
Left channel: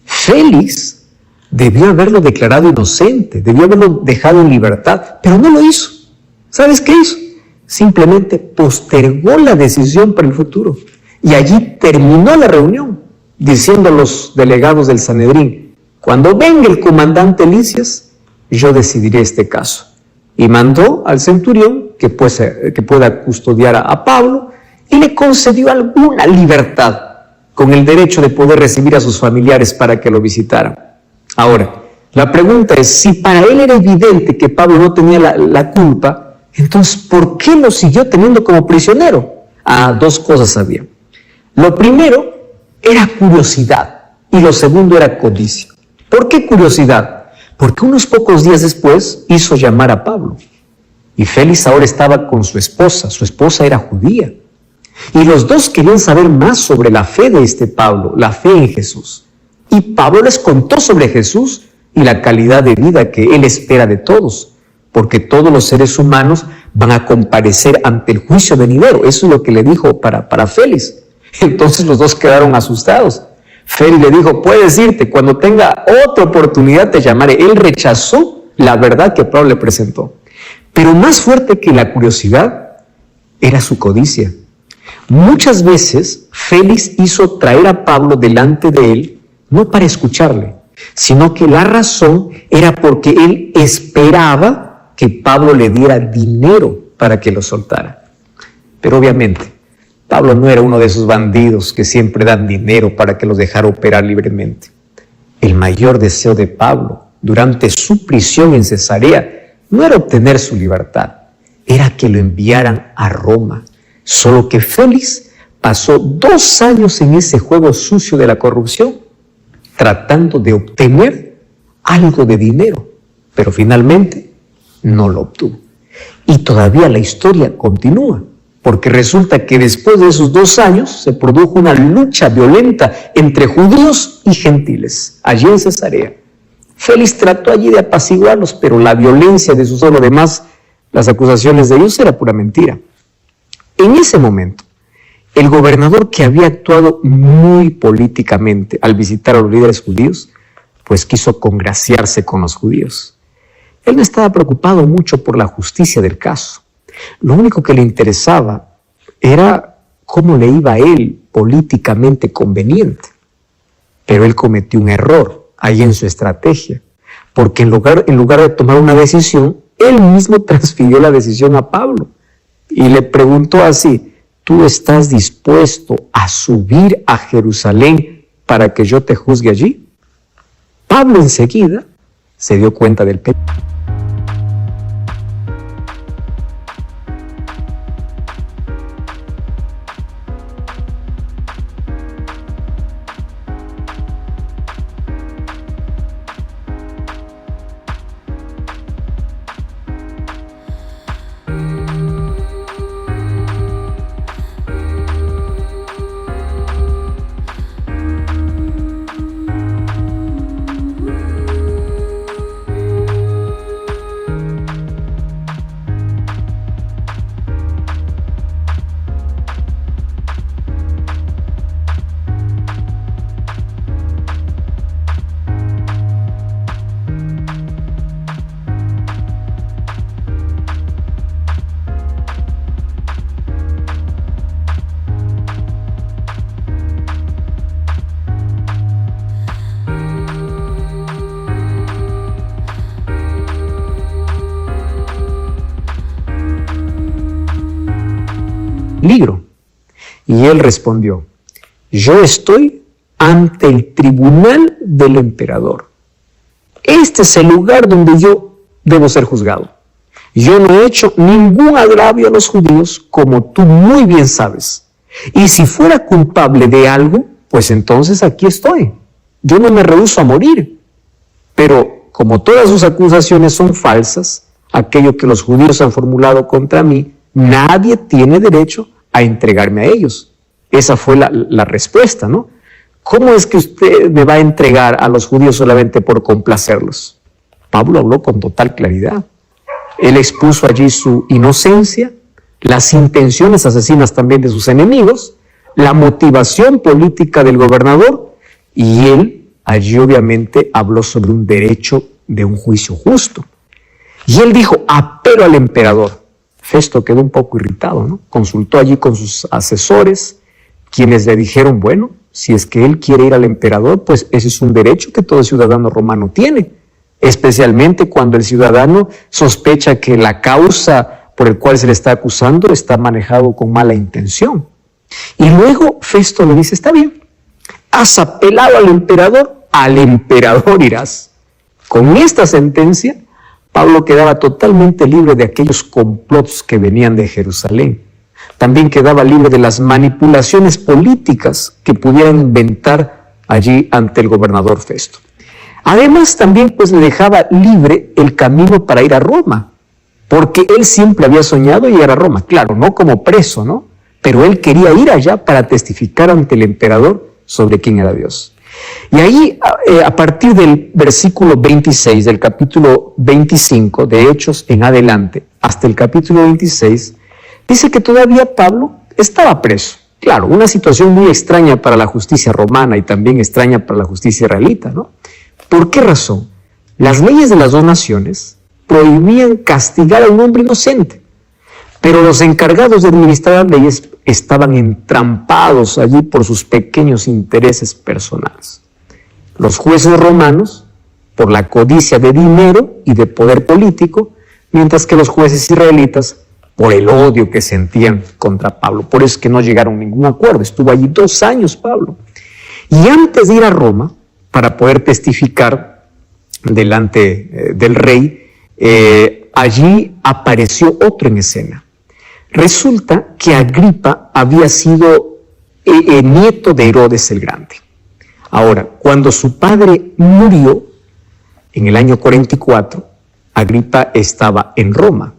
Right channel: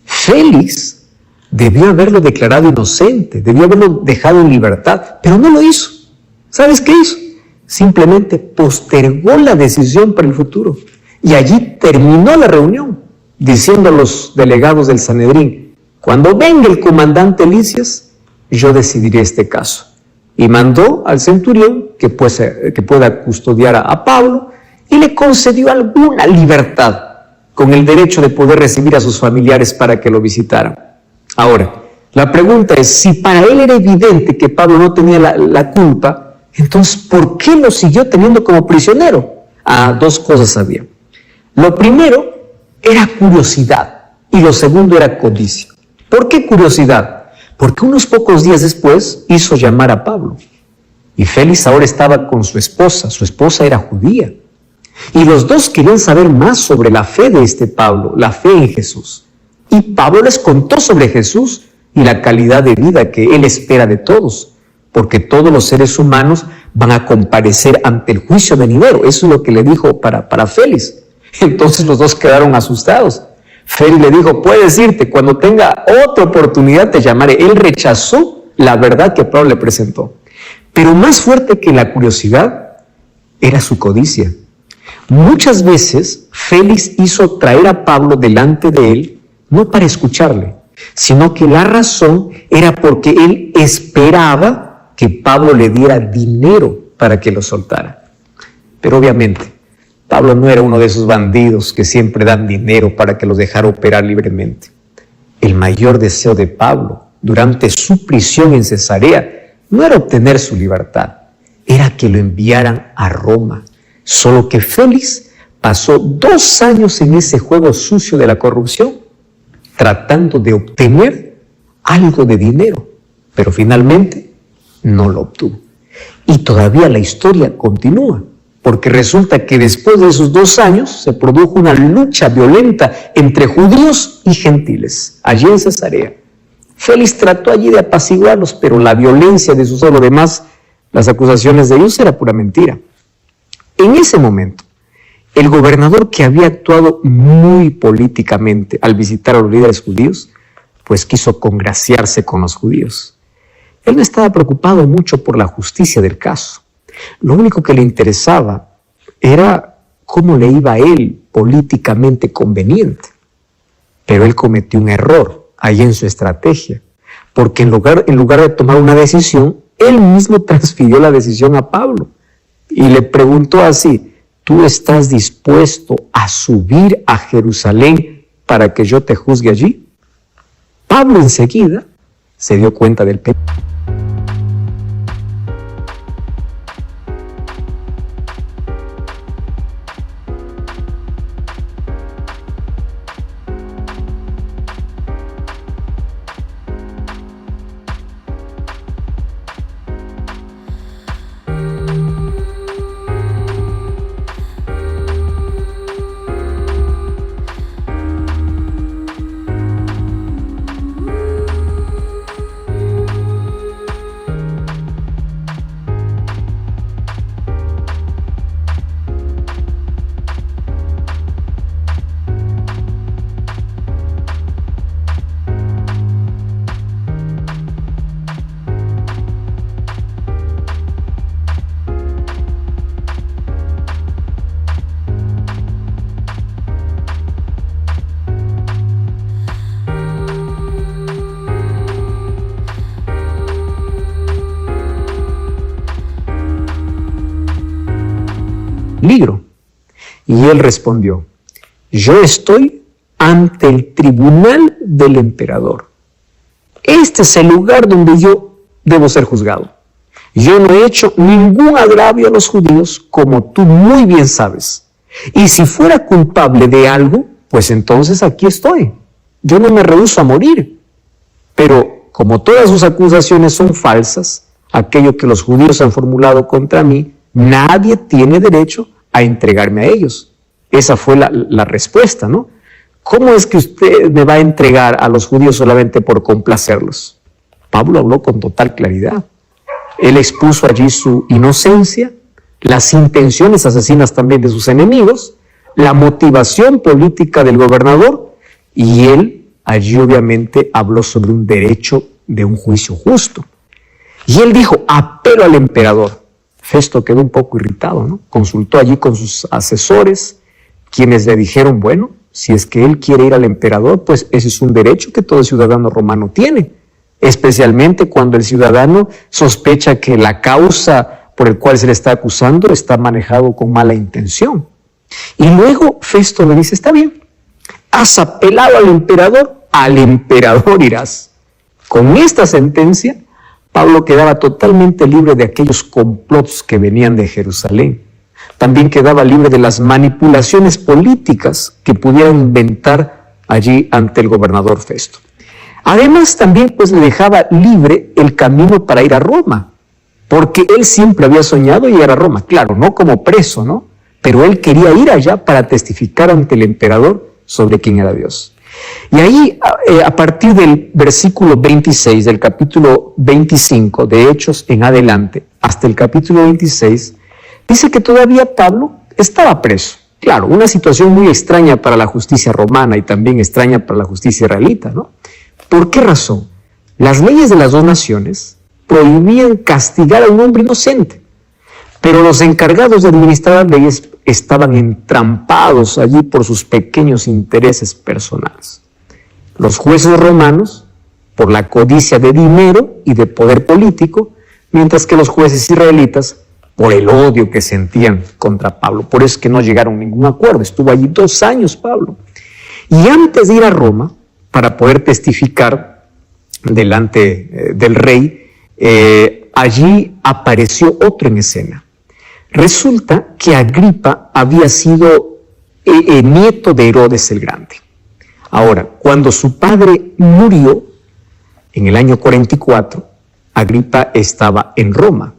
Félix debió haberlo declarado inocente, debió haberlo dejado en libertad, pero no lo hizo. ¿Sabes qué hizo? Simplemente postergó la decisión para el futuro. Y allí terminó la reunión, diciendo a los delegados del Sanedrín: cuando venga el comandante Lisias, yo decidiré este caso. Y mandó al centurión que pueda custodiar a Pablo y le concedió alguna libertad, con el derecho de poder recibir a sus familiares para que lo visitaran. Ahora, la pregunta es: si para él era evidente que Pablo no tenía la culpa, entonces ¿por qué lo siguió teniendo como prisionero? Dos cosas había. Lo primero era curiosidad y lo segundo era codicia. ¿Por qué curiosidad? Porque unos pocos días después hizo llamar a Pablo. Y Félix ahora estaba con su esposa era judía. Y los dos querían saber más sobre la fe de este Pablo, la fe en Jesús. Y Pablo les contó sobre Jesús y la calidad de vida que él espera de todos, porque todos los seres humanos van a comparecer ante el juicio venidero. Eso es lo que le dijo para Félix. Entonces los dos quedaron asustados. Félix le dijo, puedes irte, cuando tenga otra oportunidad te llamaré. Él rechazó la verdad que Pablo le presentó. Pero más fuerte que la curiosidad era su codicia. Muchas veces Félix hizo traer a Pablo delante de él, no para escucharle, sino que la razón era porque él esperaba que Pablo le diera dinero para que lo soltara. Pero obviamente, Pablo no era uno de esos bandidos que siempre dan dinero para que los dejara operar libremente. El mayor deseo de Pablo durante su prisión en Cesarea no era obtener su libertad, era que lo enviaran a Roma. Solo que Félix pasó 2 años en ese juego sucio de la corrupción, tratando de obtener algo de dinero, pero finalmente no lo obtuvo. Y todavía la historia continúa, porque resulta que después de esos 2 años se produjo una lucha violenta entre judíos y gentiles, allí en Cesarea. Félix trató allí de apaciguarlos, pero la violencia de sus además, las acusaciones de ellos era pura mentira. En ese momento, el gobernador, que había actuado muy políticamente al visitar a los líderes judíos, pues quiso congraciarse con los judíos. Él no estaba preocupado mucho por la justicia del caso. Lo único que le interesaba era cómo le iba a él políticamente conveniente. Pero él cometió un error ahí en su estrategia, porque en lugar de tomar una decisión, él mismo transfirió la decisión a Pablo y le preguntó así, ¿tú estás dispuesto a subir a Jerusalén para que yo te juzgue allí? Pablo enseguida se dio cuenta del pecado. Peligro. Y él respondió, yo estoy ante el tribunal del emperador. Este es el lugar donde yo debo ser juzgado. Yo no he hecho ningún agravio a los judíos, como tú muy bien sabes. Y si fuera culpable de algo, pues entonces aquí estoy. Yo no me rehúso a morir. Pero como todas sus acusaciones son falsas, aquello que los judíos han formulado contra mí, nadie tiene derecho a entregarme a ellos. Esa fue la respuesta, ¿no? ¿Cómo es que usted me va a entregar a los judíos solamente por complacerlos? Pablo habló con total claridad. Él expuso allí su inocencia, las intenciones asesinas también de sus enemigos, la motivación política del gobernador, y él allí obviamente habló sobre un derecho de un juicio justo. Y él dijo, apelo al emperador. Festo quedó un poco irritado, ¿no? Consultó allí con sus asesores, quienes le dijeron, bueno, si es que él quiere ir al emperador, pues ese es un derecho que todo ciudadano romano tiene, especialmente cuando el ciudadano sospecha que la causa por el cual se le está acusando está manejado con mala intención. Y luego Festo le dice, está bien, has apelado al emperador irás. Con esta sentencia, Pablo quedaba totalmente libre de aquellos complots que venían de Jerusalén. También quedaba libre de las manipulaciones políticas que pudieran inventar allí ante el gobernador Festo. Además, también pues le dejaba libre el camino para ir a Roma, porque él siempre había soñado llegar a Roma, claro, no como preso, ¿no? Pero él quería ir allá para testificar ante el emperador sobre quién era Dios. Y ahí, a partir del versículo 26 del capítulo 25 de Hechos en adelante, hasta el capítulo 26, dice que todavía Pablo estaba preso. Claro, una situación muy extraña para la justicia romana y también extraña para la justicia israelita, ¿no? ¿Por qué razón? Las leyes de las dos naciones prohibían castigar a un hombre inocente, pero los encargados de administrar las leyes estaban entrampados allí por sus pequeños intereses personales. Los jueces romanos, por la codicia de dinero y de poder político, mientras que los jueces israelitas, por el odio que sentían contra Pablo. Por eso es que no llegaron a ningún acuerdo. Estuvo allí 2 años Pablo. Y antes de ir a Roma, para poder testificar delante del rey, allí apareció otro en escena. Resulta que Agripa había sido nieto de Herodes el Grande. Ahora, cuando su padre murió, en el año 44, Agripa estaba en Roma.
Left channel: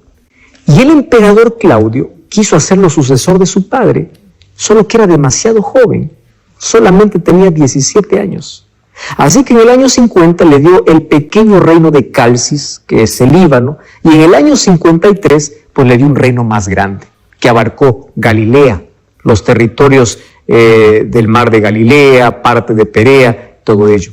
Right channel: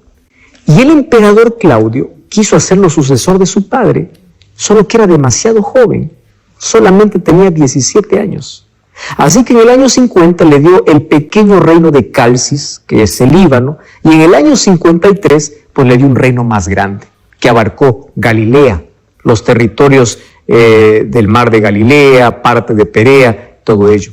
Y el emperador Claudio quiso hacerlo sucesor de su padre, solo que era demasiado joven, solamente tenía 17 años. Así que en el año 50 le dio el pequeño reino de Calcis, que es el Líbano, y en el año 53 pues le dio un reino más grande, que abarcó Galilea, los territorios del mar de Galilea, parte de Perea, todo ello.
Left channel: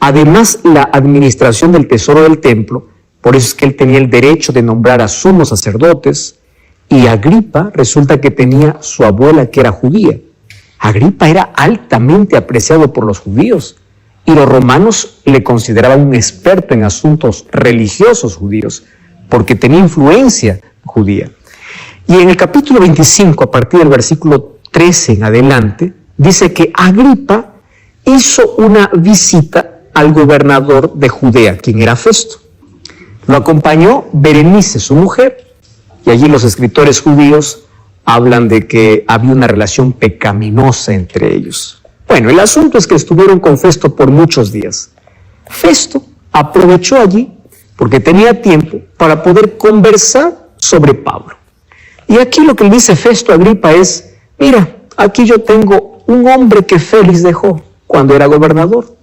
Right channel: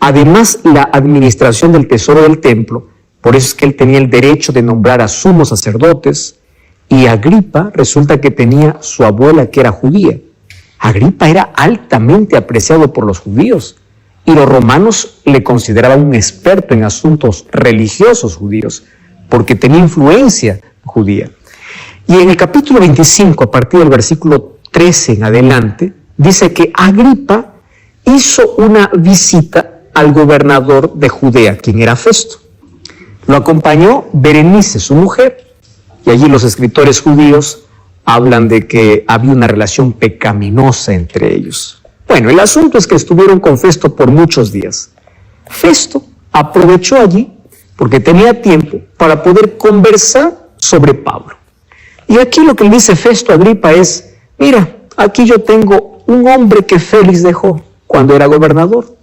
Además, la administración del tesoro del templo. Por eso es que él tenía el derecho de nombrar a sumos sacerdotes, y Agripa resulta que tenía su abuela que era judía. Agripa era altamente apreciado por los judíos y los romanos le consideraban un experto en asuntos religiosos judíos porque tenía influencia judía. Y en el capítulo 25, a partir del versículo 13 en adelante, dice que Agripa hizo una visita al gobernador de Judea, quien era Festo. Lo acompañó Berenice, su mujer, y allí los escritores judíos hablan de que había una relación pecaminosa entre ellos. Bueno, el asunto es que estuvieron con Festo por muchos días. Festo aprovechó allí, porque tenía tiempo, para poder conversar sobre Pablo. Y aquí lo que le dice Festo a Agripa es, mira, aquí yo tengo un hombre que Félix dejó cuando era gobernador.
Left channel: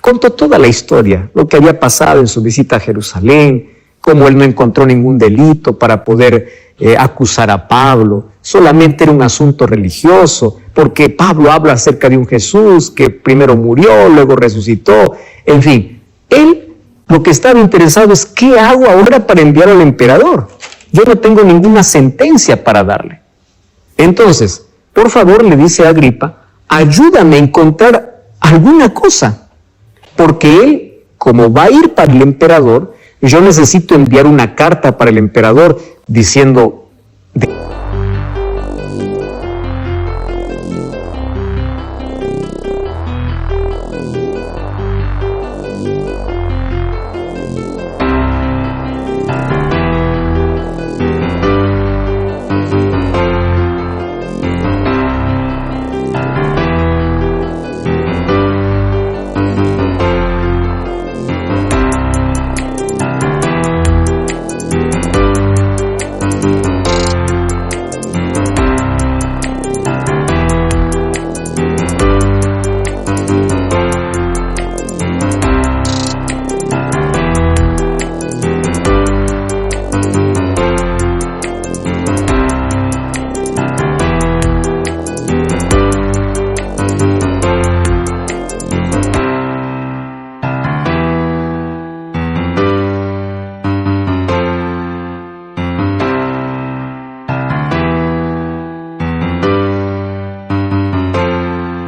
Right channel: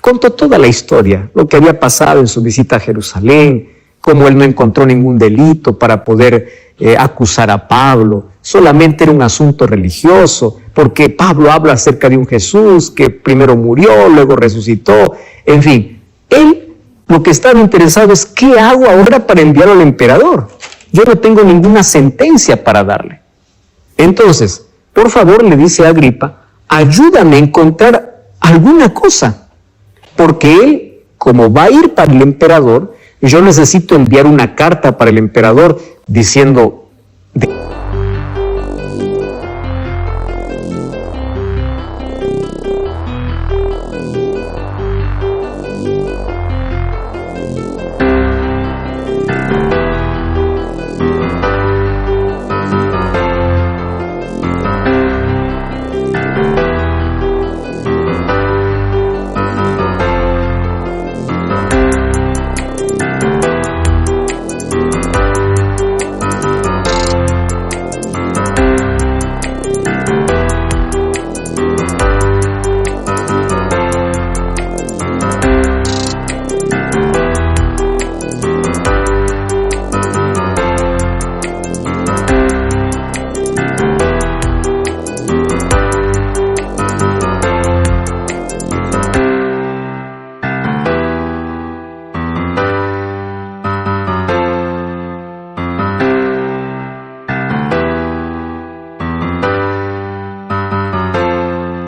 Contó toda la historia, lo que había pasado en su visita a Jerusalén, cómo él no encontró ningún delito para poder acusar a Pablo. Solamente era un asunto religioso, porque Pablo habla acerca de un Jesús que primero murió, luego resucitó. En fin, él lo que estaba interesado es ¿qué hago ahora para enviarlo al emperador? Yo no tengo ninguna sentencia para darle. Entonces, por favor, le dice a Agripa, ayúdame a encontrar alguna cosa. Porque él, como va a ir para el emperador, yo necesito enviar una carta para el emperador diciendo... de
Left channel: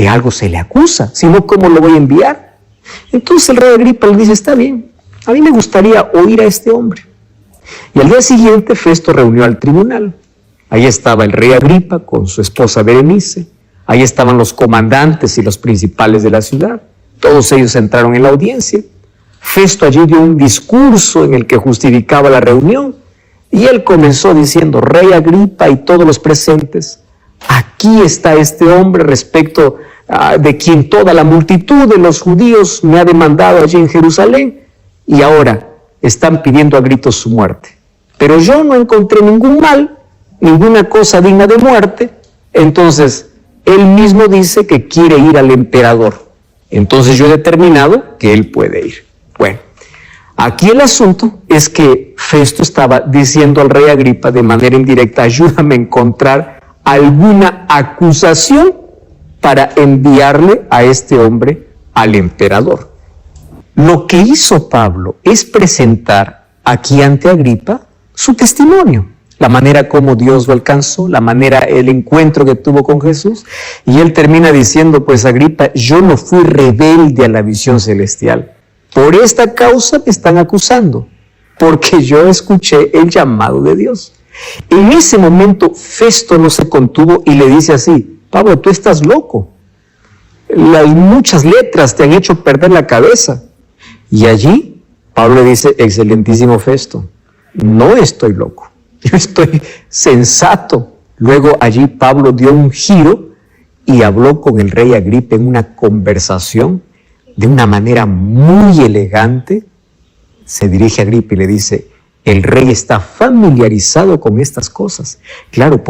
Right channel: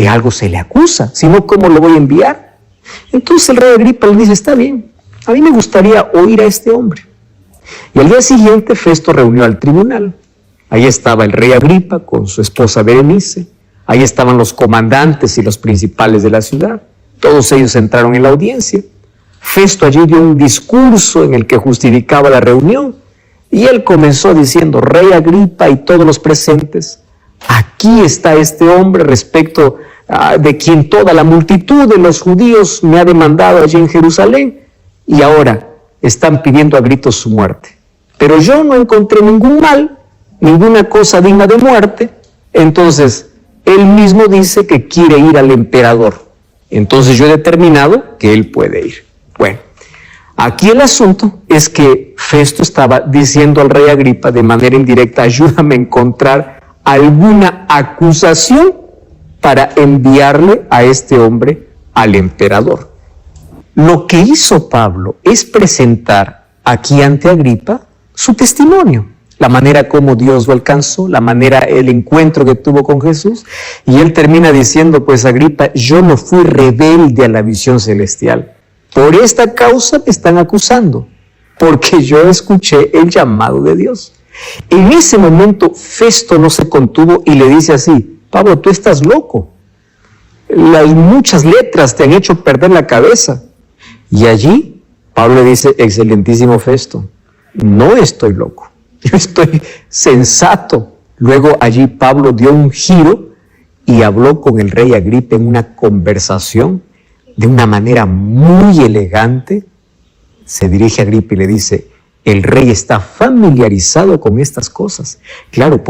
algo se le acusa, si no, ¿cómo lo voy a enviar? Entonces el rey Agripa le dice, está bien, a mí me gustaría oír a este hombre. Y al día siguiente Festo reunió al tribunal. Ahí estaba el rey Agripa con su esposa Berenice, ahí estaban los comandantes y los principales de la ciudad. Todos ellos entraron en la audiencia. Festo allí dio un discurso en el que justificaba la reunión y él comenzó diciendo, rey Agripa y todos los presentes, aquí está este hombre respecto de quien toda la multitud de los judíos me ha demandado allí en Jerusalén y ahora están pidiendo a gritos su muerte. Pero yo no encontré ningún mal, ninguna cosa digna de muerte. Entonces, él mismo dice que quiere ir al emperador. Entonces yo he determinado que él puede ir. Bueno, Aquí el asunto es que Festo estaba diciendo al rey Agripa de manera indirecta: ayúdame a encontrar alguna acusación para enviarle a este hombre al emperador. Lo que hizo Pablo es presentar aquí ante Agripa su testimonio, la manera como Dios lo alcanzó, la manera, el encuentro que tuvo con Jesús. Y él termina diciendo: pues Agripa, yo no fui rebelde a la visión celestial. Por esta causa me están acusando, porque yo escuché el llamado de Dios. En ese momento Festo no se contuvo y le dice así: Pablo, tú estás loco. Muchas letras te han hecho perder la cabeza. Y allí Pablo le dice: excelentísimo Festo, no estoy loco, yo estoy sensato. Luego allí Pablo dio un giro y habló con el rey Agripa en una conversación de una manera muy elegante. Se dirige a Agripa y le dice: el rey está familiarizado con estas cosas. Claro,